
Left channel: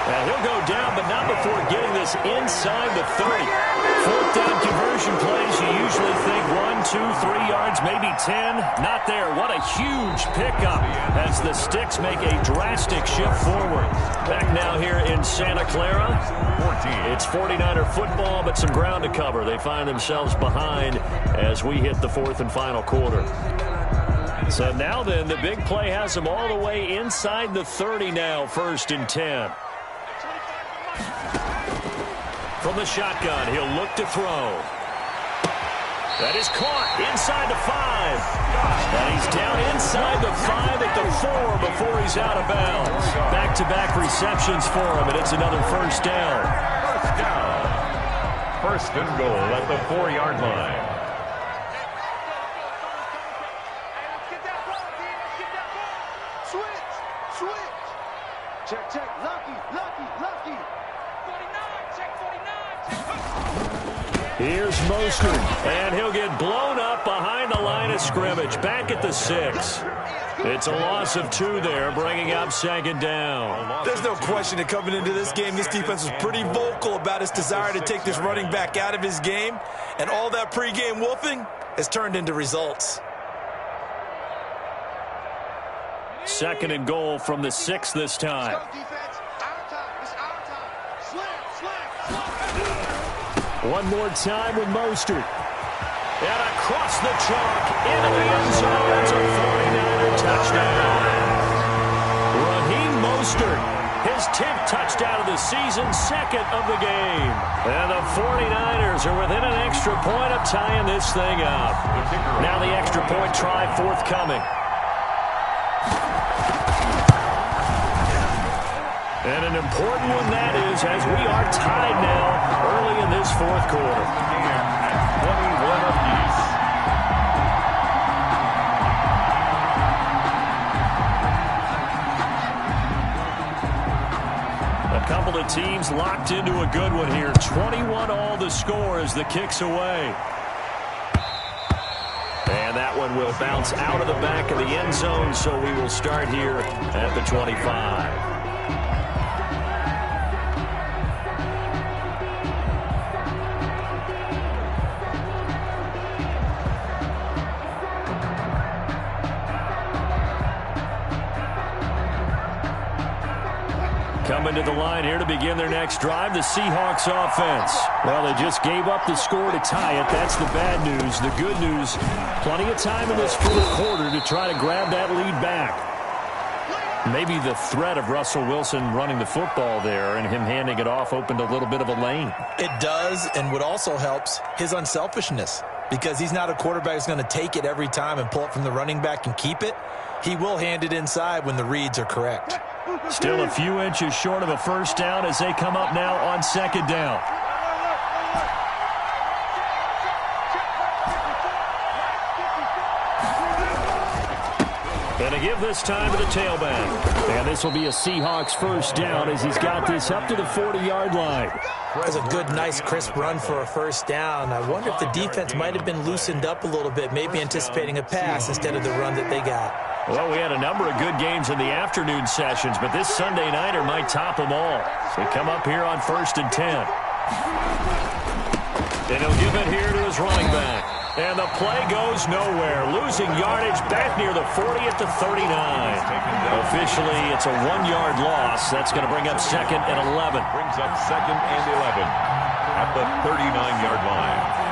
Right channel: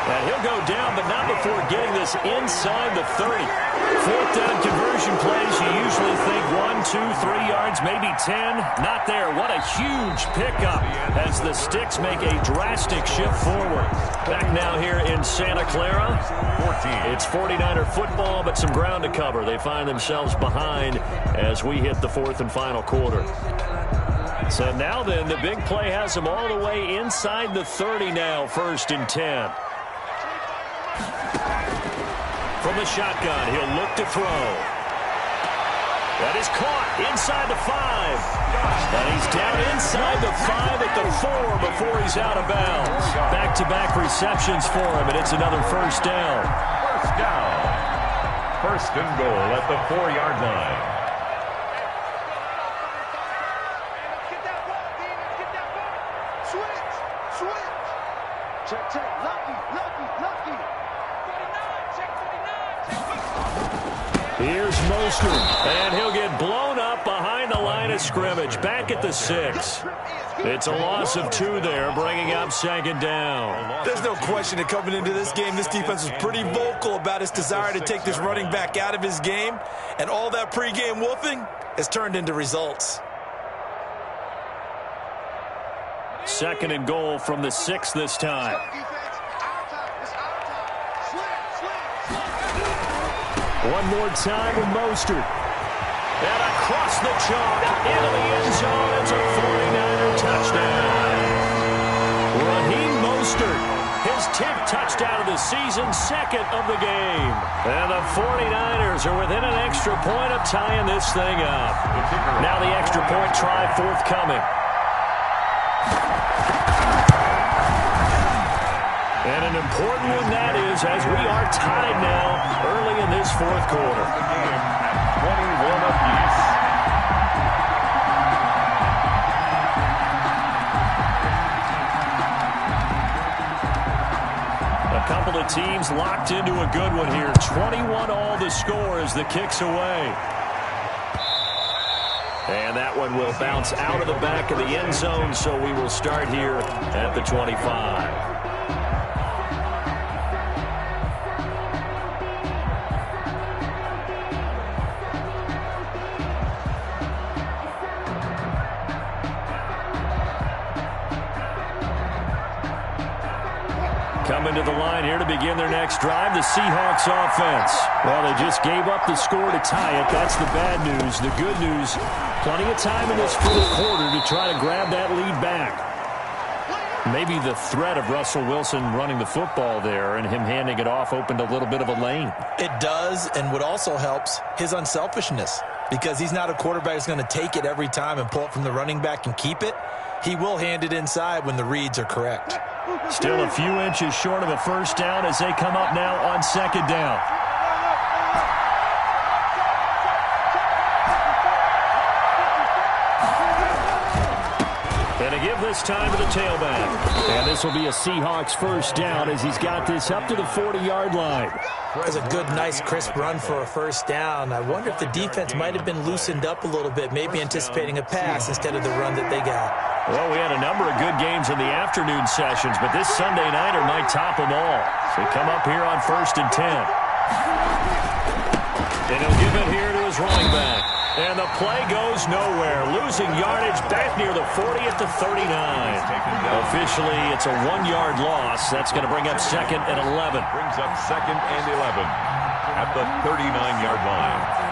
And he'll go down, but not before getting this inside the 30. 4th down conversion plays, you usually think 1, 2, 3 yards, maybe 10. Not there. What a huge pickup as the Sticks make a drastic shift forward. Back now here in Santa Clara. 14. It's 49er football, but some ground to cover. They find themselves behind as we hit the 4th and final quarter. So now then, the big play has them all the way inside the 30 now, 1st and 10. From the shotgun, he'll look to throw. That is caught inside the 5. And he's down inside the 5 at the 4 before he's out of bounds. Back-to-back receptions for him, and it's another 1st down. 1st down. 1st and goal at the 4-yard line. Check, check. Lucky. 49, check 49. Here's Mostert, and he'll get blown up behind the line of scrimmage. Back at the 6. It's a loss of 2 there, bringing up 2nd down. There's no question that coming into this game, this defense was pretty vocal about its desire to take this running back out of his game, and all that pregame wolfing has turned into results. 2nd and goal from the 6 this time. One more time with Mostert. And across the chalk, into the end zone. It's a 49er touchdown. Raheem Mostert, his 10th touchdown of the season, 2nd of the game. And the 49ers are within an extra point of tying this thing up. Now the extra point try forthcoming. And an important one that is, as we are tied now early in this 4th quarter. The game at 21 apiece. A couple of teams locked into a good one here. 21 all the score as the kick's away. And that one will bounce out of the back of the end zone, so we will start here at the 25. Coming to the line here to begin their next drive, the Seahawks offense. Well, they just gave up the score to tie it. That's the bad news. The good news, plenty of time in this 4th quarter to try to grab that lead back. Maybe the threat of Russell Wilson running the football there and him handing it off opened a little bit of a lane. It does, and what also helps, his unselfishness. Because he's not a quarterback who's going to take it every time and pull it from the running back and keep it. He will hand it inside when the reads are correct. Still a few inches short of a 1st down as they come up now on 2nd down. And a give this time to the tailback. And this will be a Seahawks 1st down as he's got this up to the 40-yard line. That's a good, nice, crisp run for a 1st down. I wonder if the defense might have been loosened up a little bit, maybe anticipating a pass instead of the run that they got. Well, we had a number of good games in the afternoon sessions, but this Sunday nighter might top them all. So we come up here on 1st and 10. And he'll give it here to his running back. And the play goes nowhere. Losing yardage back near the 40 at the 39. Officially, it's a 1-yard loss. That's going to bring up 2nd and 11. Brings up 2nd and 11 at the 39-yard line.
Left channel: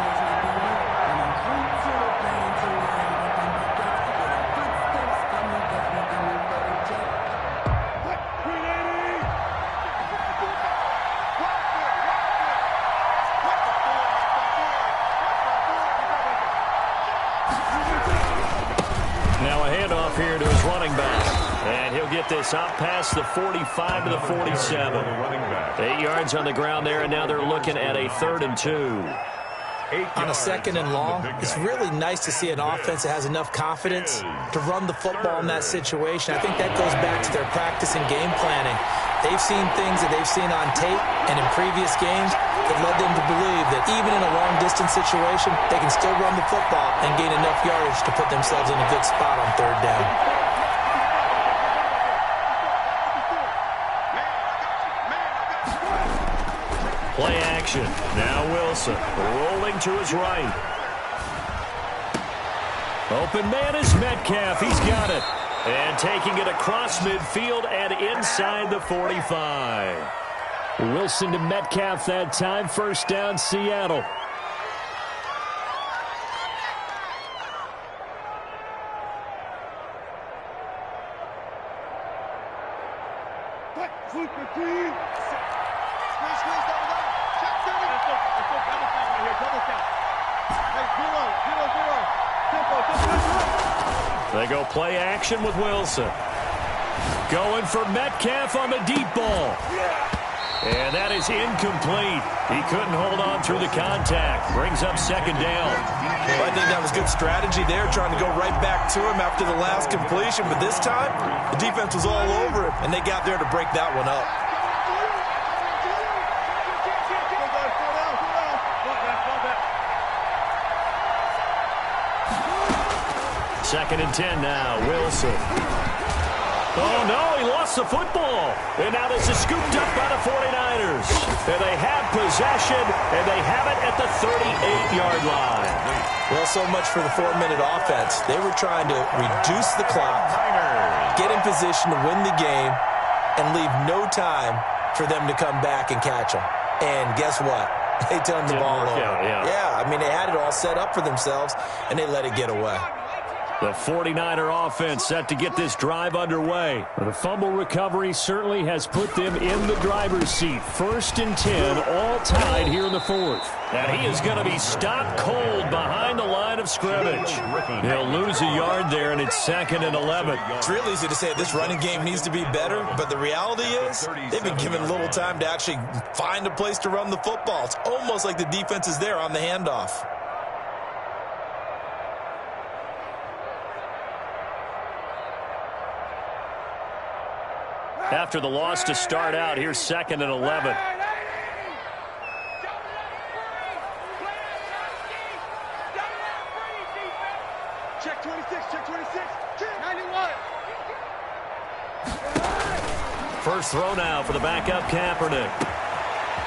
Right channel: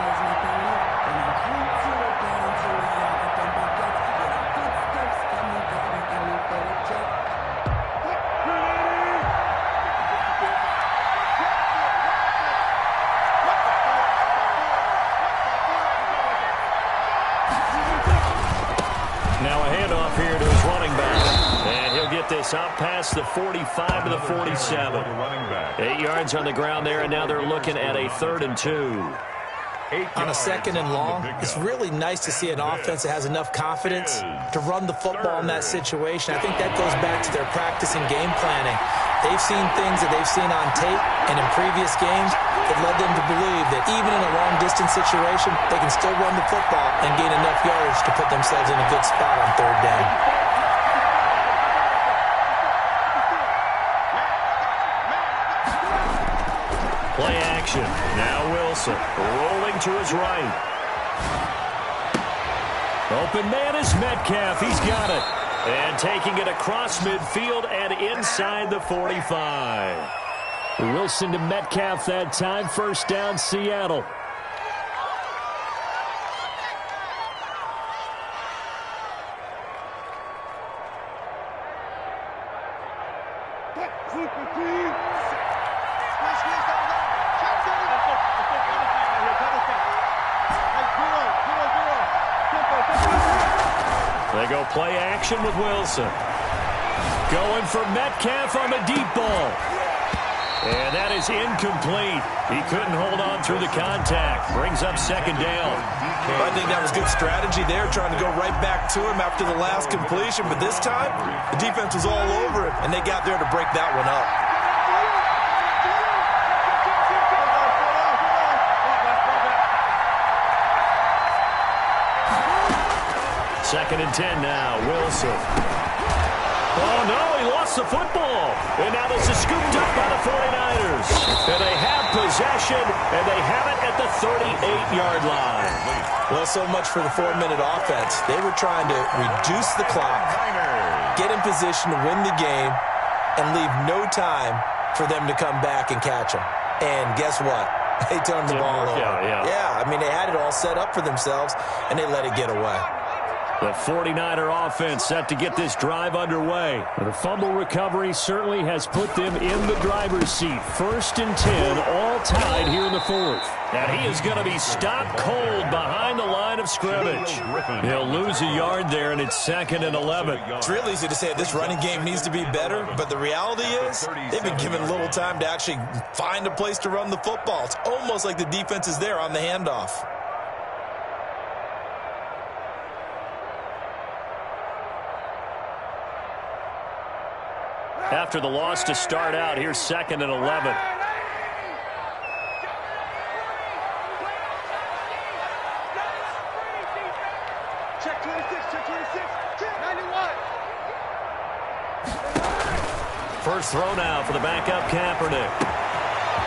Now a handoff here to his running back. And he'll get this up past the 45 to the 47. 8 yards on the ground there, and now they're looking at a 3rd and 2. On a 2nd and long, it's really nice to see an offense that has enough confidence to run the football in that situation. I think that goes back to their practice and game planning. They've seen things that they've seen on tape and in previous games that led them to believe that even in a long-distance situation, they can still run the football and gain enough yardage to put themselves in a good spot on 3rd down. Play action. Now Wilson rolling to his right. Open man is Metcalf. He's got it. And taking it across midfield and inside the 45. Wilson to Metcalf that time. 1st down, Seattle. They go play action with Wilson. Going for Metcalf on the deep ball. And that is incomplete. He couldn't hold on through the contact. Brings up 2nd down. I think that was good strategy there, trying to go right back to him after the last completion. But this time, the defense was all over him, and they got there to break that one up. 2nd and 10 now. Wilson. Oh, no, he lost the football. And now this is scooped up by the 49ers. And they have possession, and they have it at the 38-yard line. Well, so much for the 4-minute offense. They were trying to reduce the clock, get in position to win the game, and leave no time for them to come back and catch them. And guess what? They turned the ball over. Yeah, I mean, they had it all set up for themselves, and they let it get away. The 49er offense set to get this drive underway. The fumble recovery certainly has put them in the driver's seat. 1st and 10, all tied here in the 4th. And he is going to be stopped cold behind the line of scrimmage. He'll lose a yard there, and it's 2nd and 11. It's real easy to say this running game needs to be better, but the reality is they've been given little time to actually find a place to run the football. It's almost like the defense is there on the handoff. After the loss to start out, here's 2nd and 11. Check 26, check 26, 91. First throw now for the backup Kaepernick.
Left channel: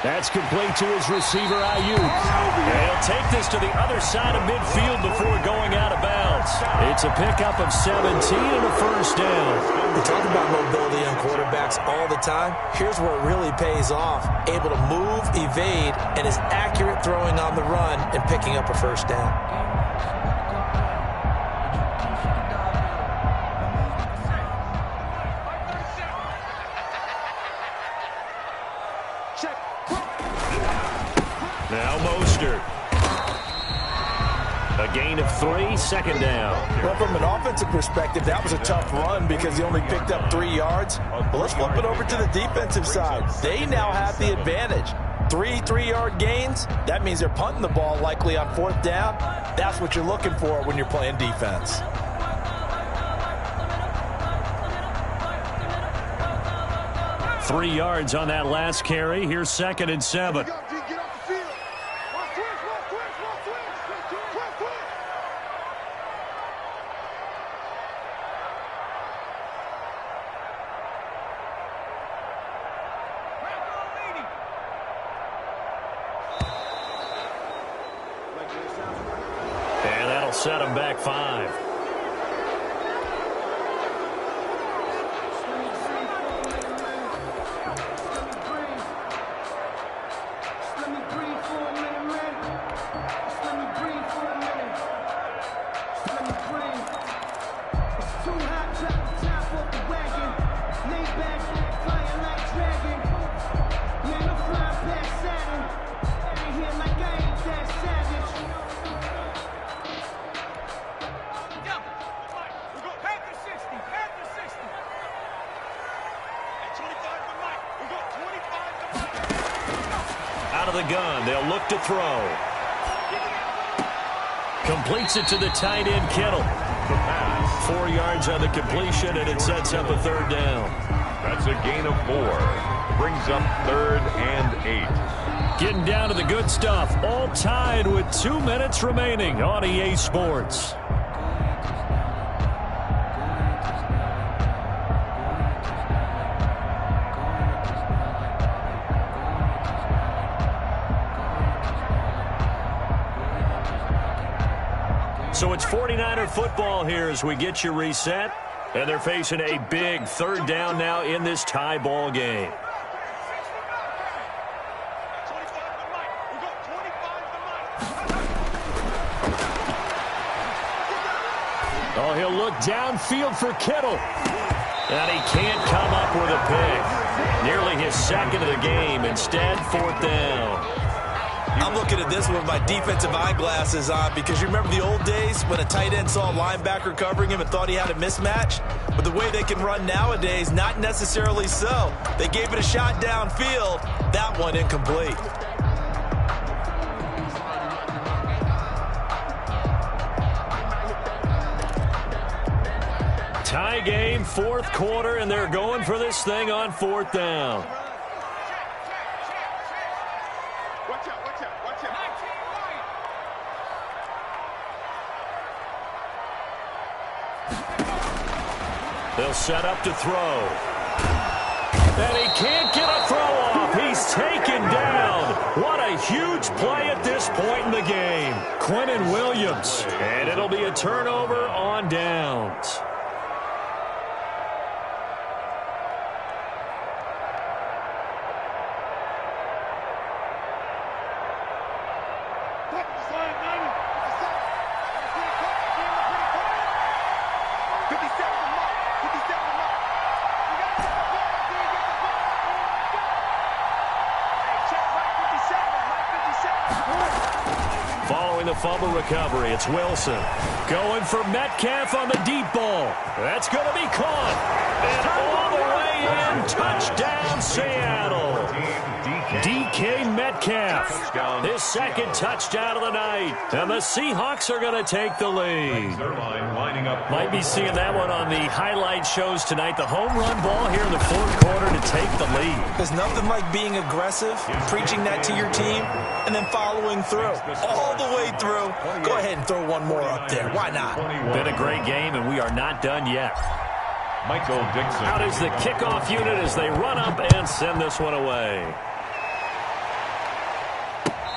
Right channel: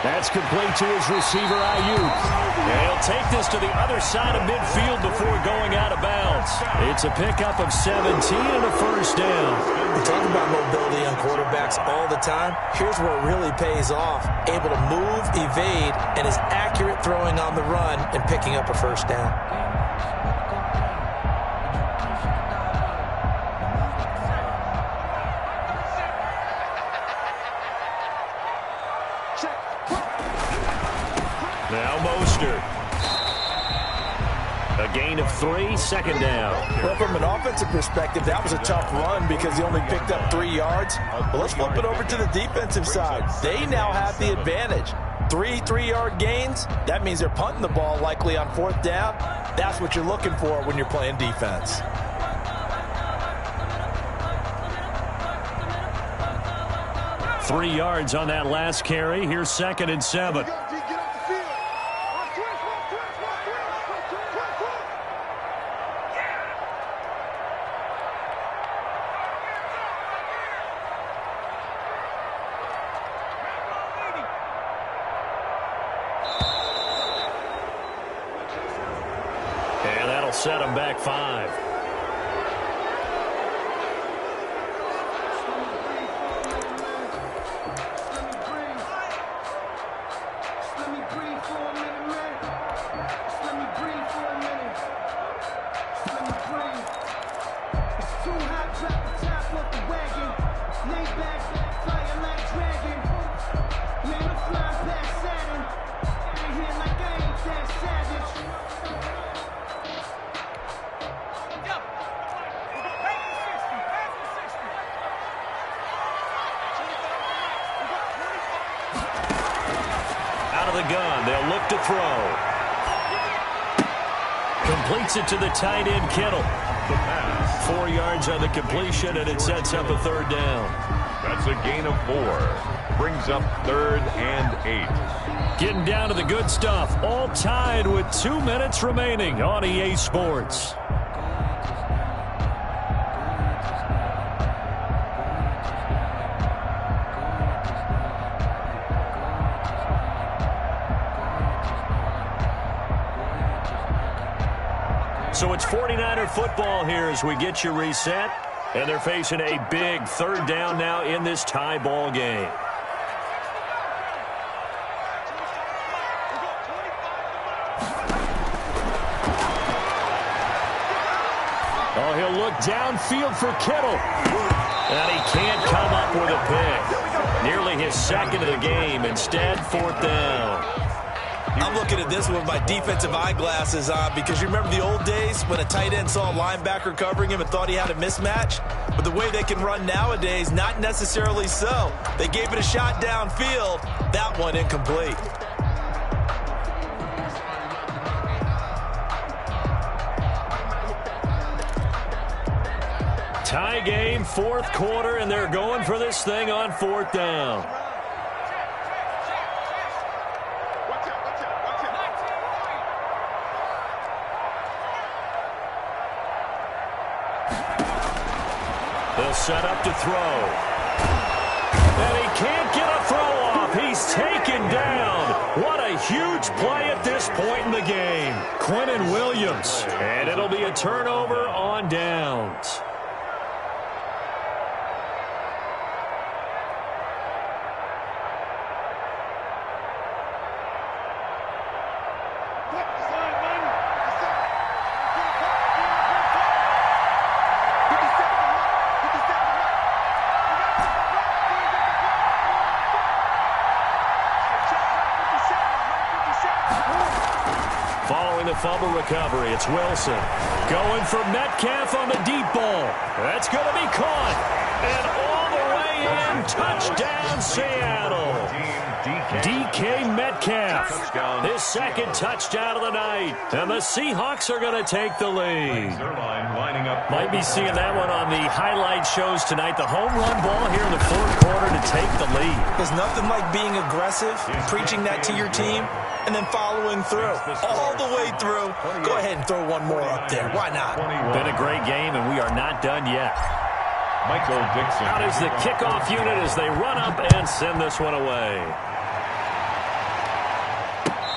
That's complete to his receiver, Ayuk. And he'll take this to the other side of midfield before going out of bounds. It's a pickup of 17 and a 1st down. We talk about mobility on quarterbacks all the time. Here's where it really pays off. Able to move, evade, and is accurate throwing on the run and picking up a 1st down. Now Mostert. A gain of 3, 2nd down. Well, from an offensive perspective, that was a tough run because he only picked up 3 yards. But let's flip it over to the defensive side. They now have the advantage. 3 3-yard gains. That means they're punting the ball likely on 4th down. That's what you're looking for when you're playing defense. Three yards on that last carry. Here's 2nd and 7. That'll set them back 5. Out of the gun, they'll look to throw. Completes it to the tight end, Kittle. The pass. 4 yards on the completion, and it sets up a 3rd down. That's a gain of 4. Brings up 3rd and 8. Getting down to the good stuff. All tied with 2 minutes remaining on EA Sports. So it's 49er football here as we get you reset. And they're facing a big 3rd down now in this tie ball game. Oh, he'll look downfield for Kittle. And he can't come up with a pick. Nearly his 2nd of the game. Instead, 4th down. I'm looking at this with my defensive eyeglasses on because you remember the old days when a tight end saw a linebacker covering him and thought he had a mismatch? But the way they can run nowadays, not necessarily so. They gave it a shot downfield. That one incomplete. Tie game, 4th quarter, and they're going for this thing on 4th down. They'll set up to throw. And he can't get a throw off. He's taken down. What a huge play at this point in the game. Quinnen Williams. And it'll be a turnover on downs. Following the fumble recovery, it's Wilson. Going for Metcalf on the deep ball. That's going to be caught. And all the way in. Touchdown, Seattle. DK Metcalf. His 2nd touchdown of the night. And the Seahawks are going to take the lead. Might be seeing that one on the highlight shows tonight. The home run ball here in the 4th quarter to take the lead. There's nothing like being aggressive, preaching that to your team, and then following through. All the way through. Go ahead and throw one more up there. Why not? Been a great game, and we are not done yet. Michael Dixon. Out is the kickoff unit as they run up and send this one away.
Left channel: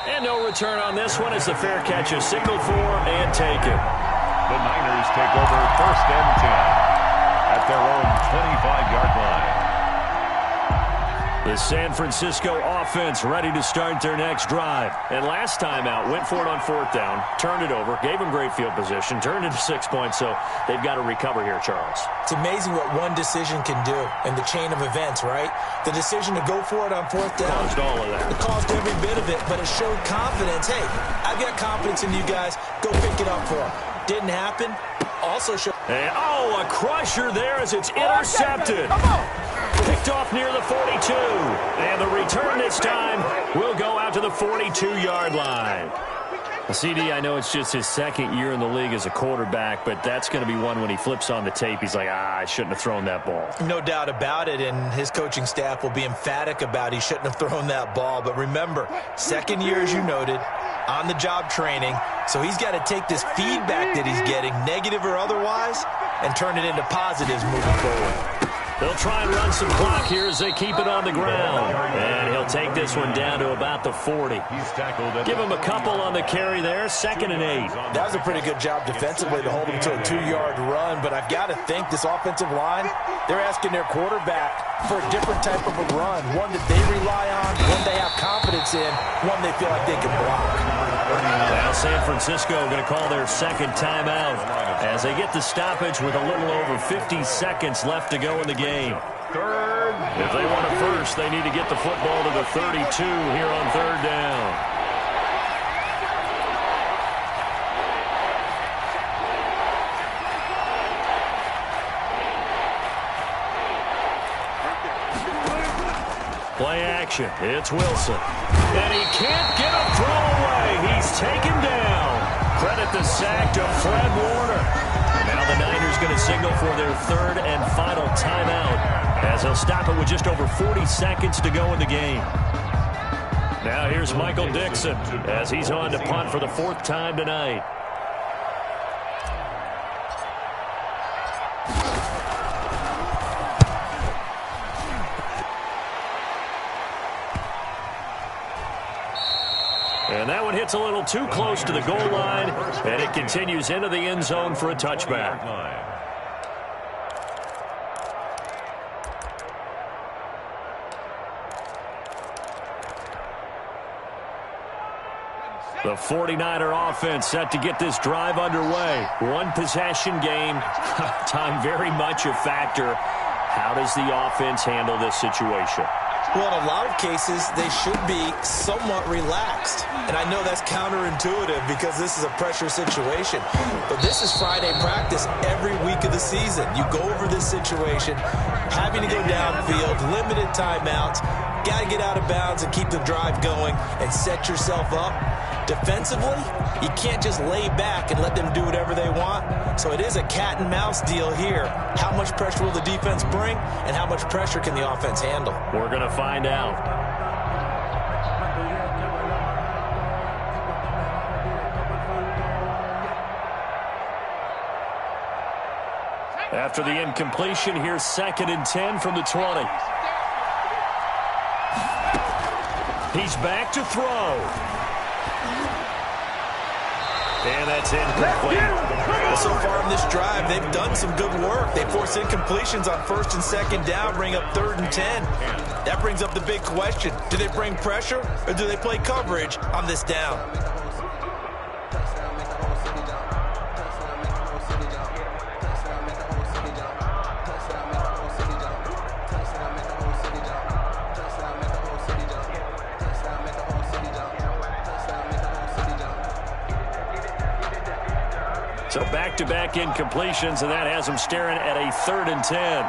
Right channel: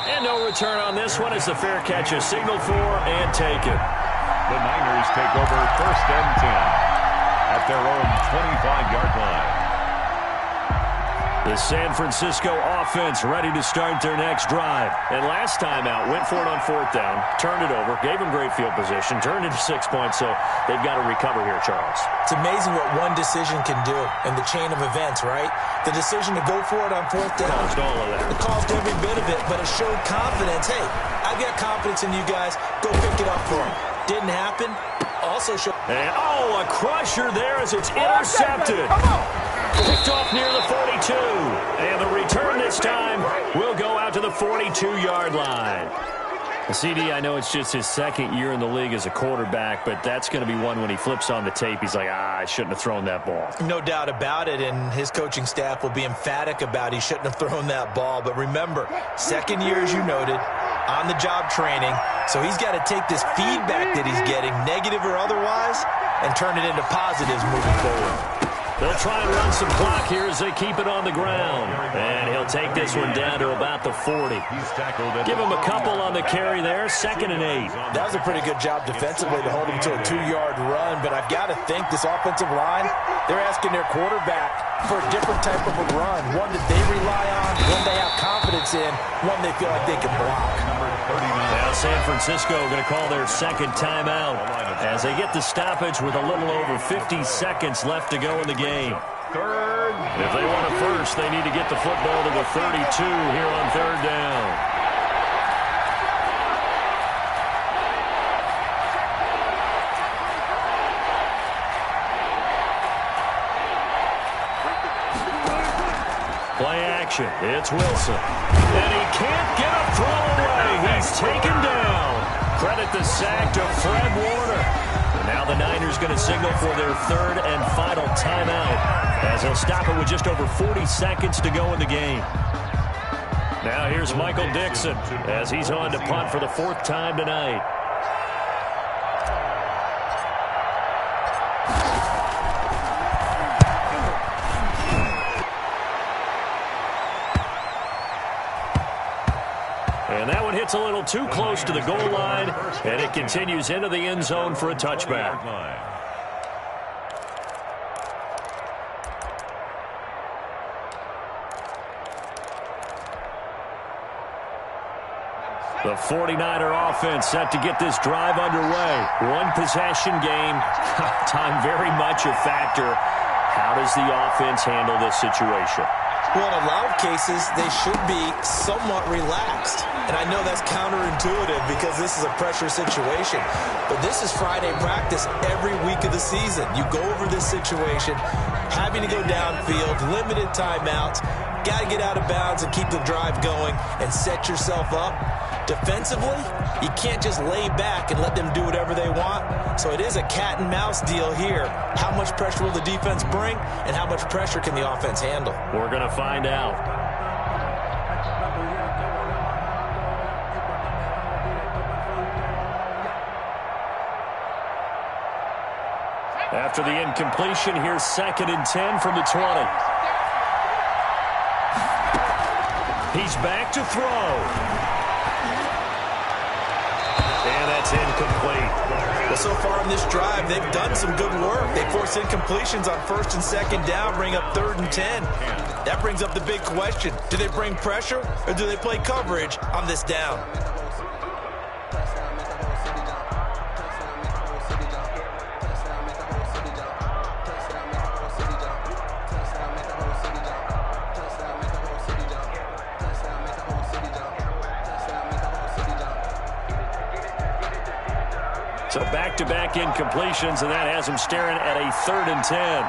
And no return on this one as the fair catch is signaled for and taken. The Niners take over 1st and 10 at their own 25-yard line. The San Francisco offense ready to start their next drive. And last time out, went for it on 4th down, turned it over, gave them great field position, turned it to 6 points, so they've got to recover here, Charles. It's amazing what one decision can do in the chain of events, right? The decision to go for it on 4th down. Caused all of that. It caused every bit of it, but it showed confidence. Hey, I've got confidence in you guys. Go pick it up for them. Didn't happen. Also showed... And, a crusher there as it's intercepted. Come on. Picked off near the 42. And the return this time will go out to the 42-yard line. CD, I know it's just his 2nd year in the league as a quarterback, but that's going to be one when he flips on the tape. He's like, I shouldn't have thrown that ball. No doubt about it, and his coaching staff will be emphatic about he shouldn't have thrown that ball. But remember, 2nd year, as you noted, on-the-job training, so he's got to take this feedback that he's getting, negative or otherwise, and turn it into positives moving forward. They'll try and run some clock here as they keep it on the ground. And he'll take this one down to about the 40. Give him a couple on the carry there, 2nd and 8. That was a pretty good job defensively to hold him to a 2-yard run, but I've got to think this offensive line, they're asking their quarterback for a different type of a run, one that they rely on, one they have confidence in, one they feel like they can block. Now San Francisco going to call their 2nd timeout as they get the stoppage with a little over 50 seconds left to go in the game. If they want a first, they need to get the football to the 32 here on 3rd down. Play action. It's Wilson. And he can't get a throw away. He's taken down. Credit the sack to Fred Warner. And now the Niners going to signal for their 3rd and final timeout as they'll stop it with just over 40 seconds to go in the game. Now here's Michael Dixon as he's on to punt for the 4th time tonight. And that one hits a little too close to the goal line, and it continues into the end zone for a touchback. The 49er offense set to get this drive underway. One possession game, time very much a factor. How does the offense handle this situation? Well, in a lot of cases, they should be somewhat relaxed. And I know that's counterintuitive because this is a pressure situation. But this is Friday practice every week of the season. You go over this situation, having to go downfield, limited timeouts, got to get out of bounds and keep the drive going and set yourself up. Defensively, you can't just lay back and let them do whatever they want. So it is a cat and mouse deal here. How much pressure will the defense bring, and how much pressure can the offense handle? We're going to find out. After the incompletion, here's 2nd and 10 from the 20. He's back to throw. And that's incomplete. Well, so far in this drive, they've done some good work. They force incompletions on 1st and 2nd down, bring up 3rd and 10. That brings up the big question. Do they bring pressure, or do they play coverage on this down? So back-to-back incompletions, and that has them staring at a 3rd and 10.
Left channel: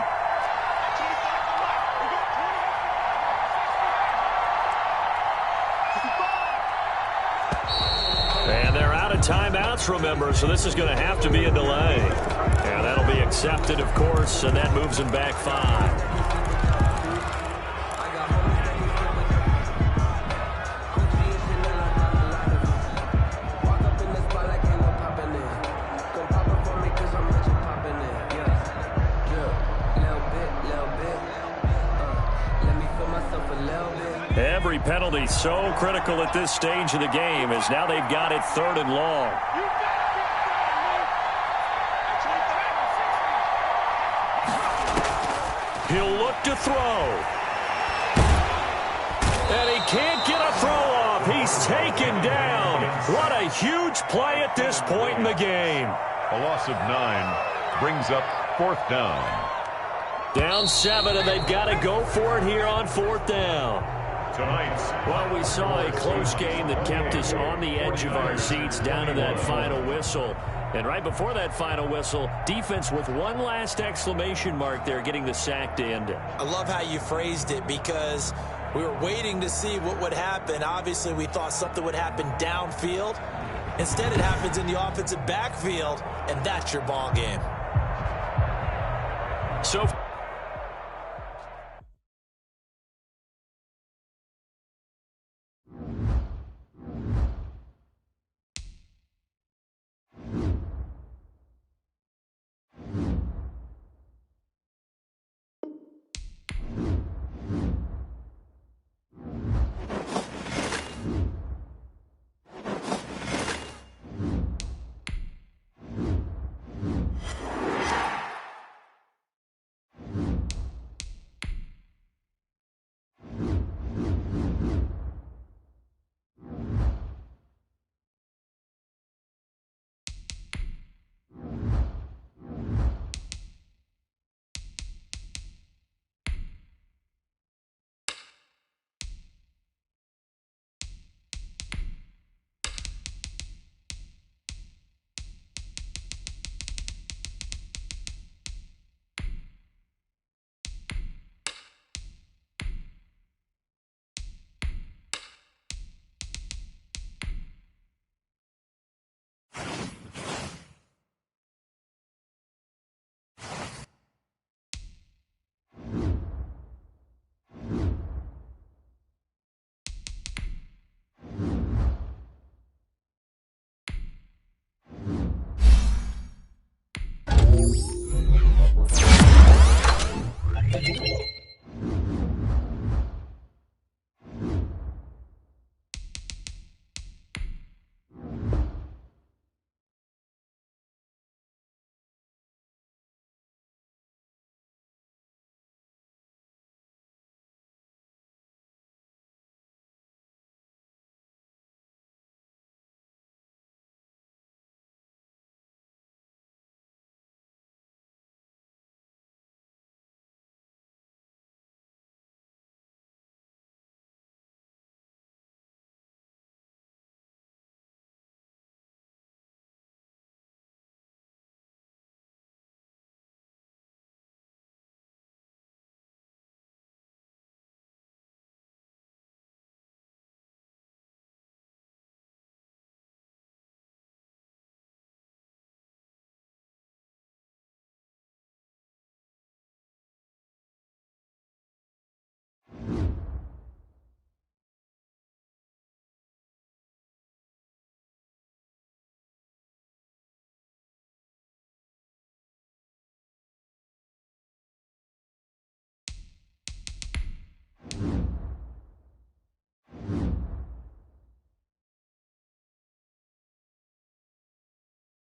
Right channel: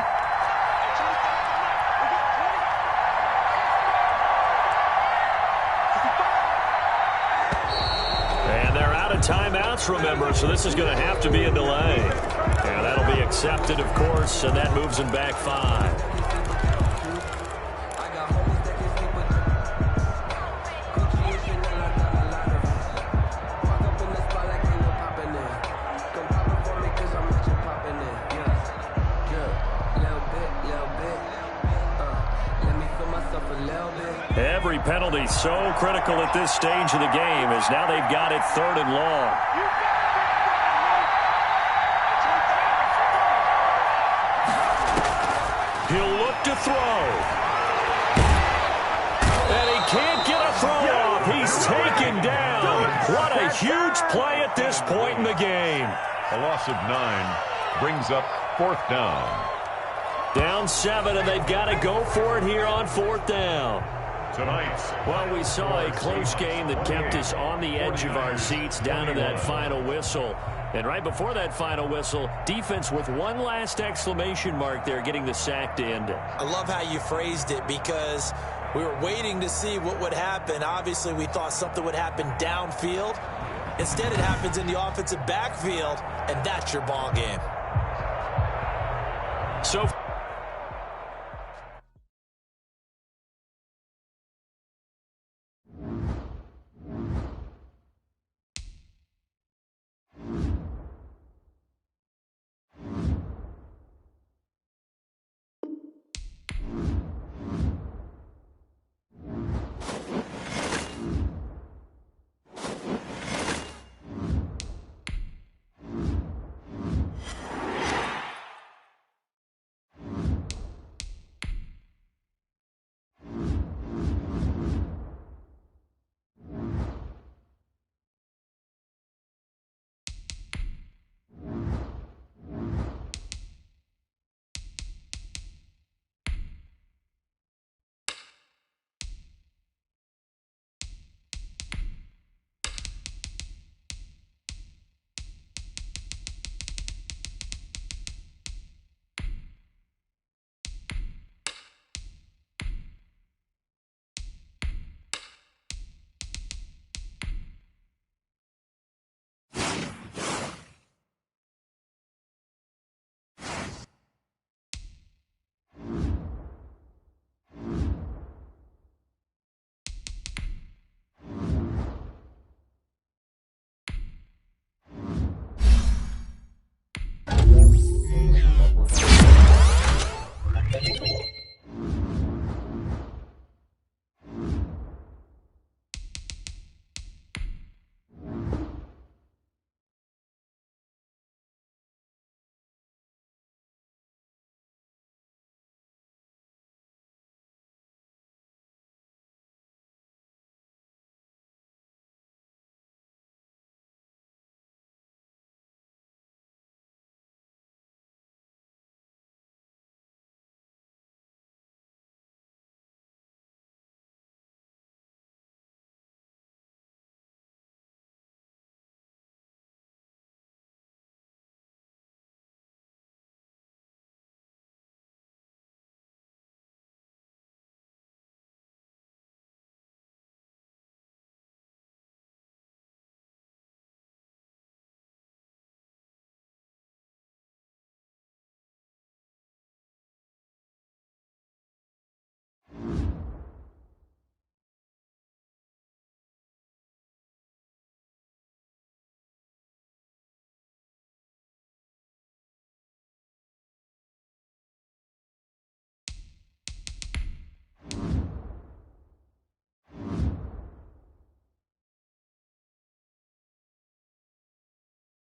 And they're out of timeouts, remember, so this is going to have to be a delay. And that'll be accepted, of course, and that moves them back 5. Every penalty so critical at this stage of the game as now they've got it 3rd and long. He'll look to throw. And he can't get a throw off. He's taken down. What a huge play at this point in the game. A loss of 9 brings up 4th down. Down 7, and they've got to go for it here on 4th down. Tonight's Well, we saw a close game that kept us on the edge of our seats down to that final whistle. And right before that final whistle, defense with one last exclamation mark there, getting the sack to end it. I love how you phrased it because we were waiting to see what would happen. Obviously, we thought something would happen downfield. Instead, it happens in the offensive backfield, and that's your ball game. So it.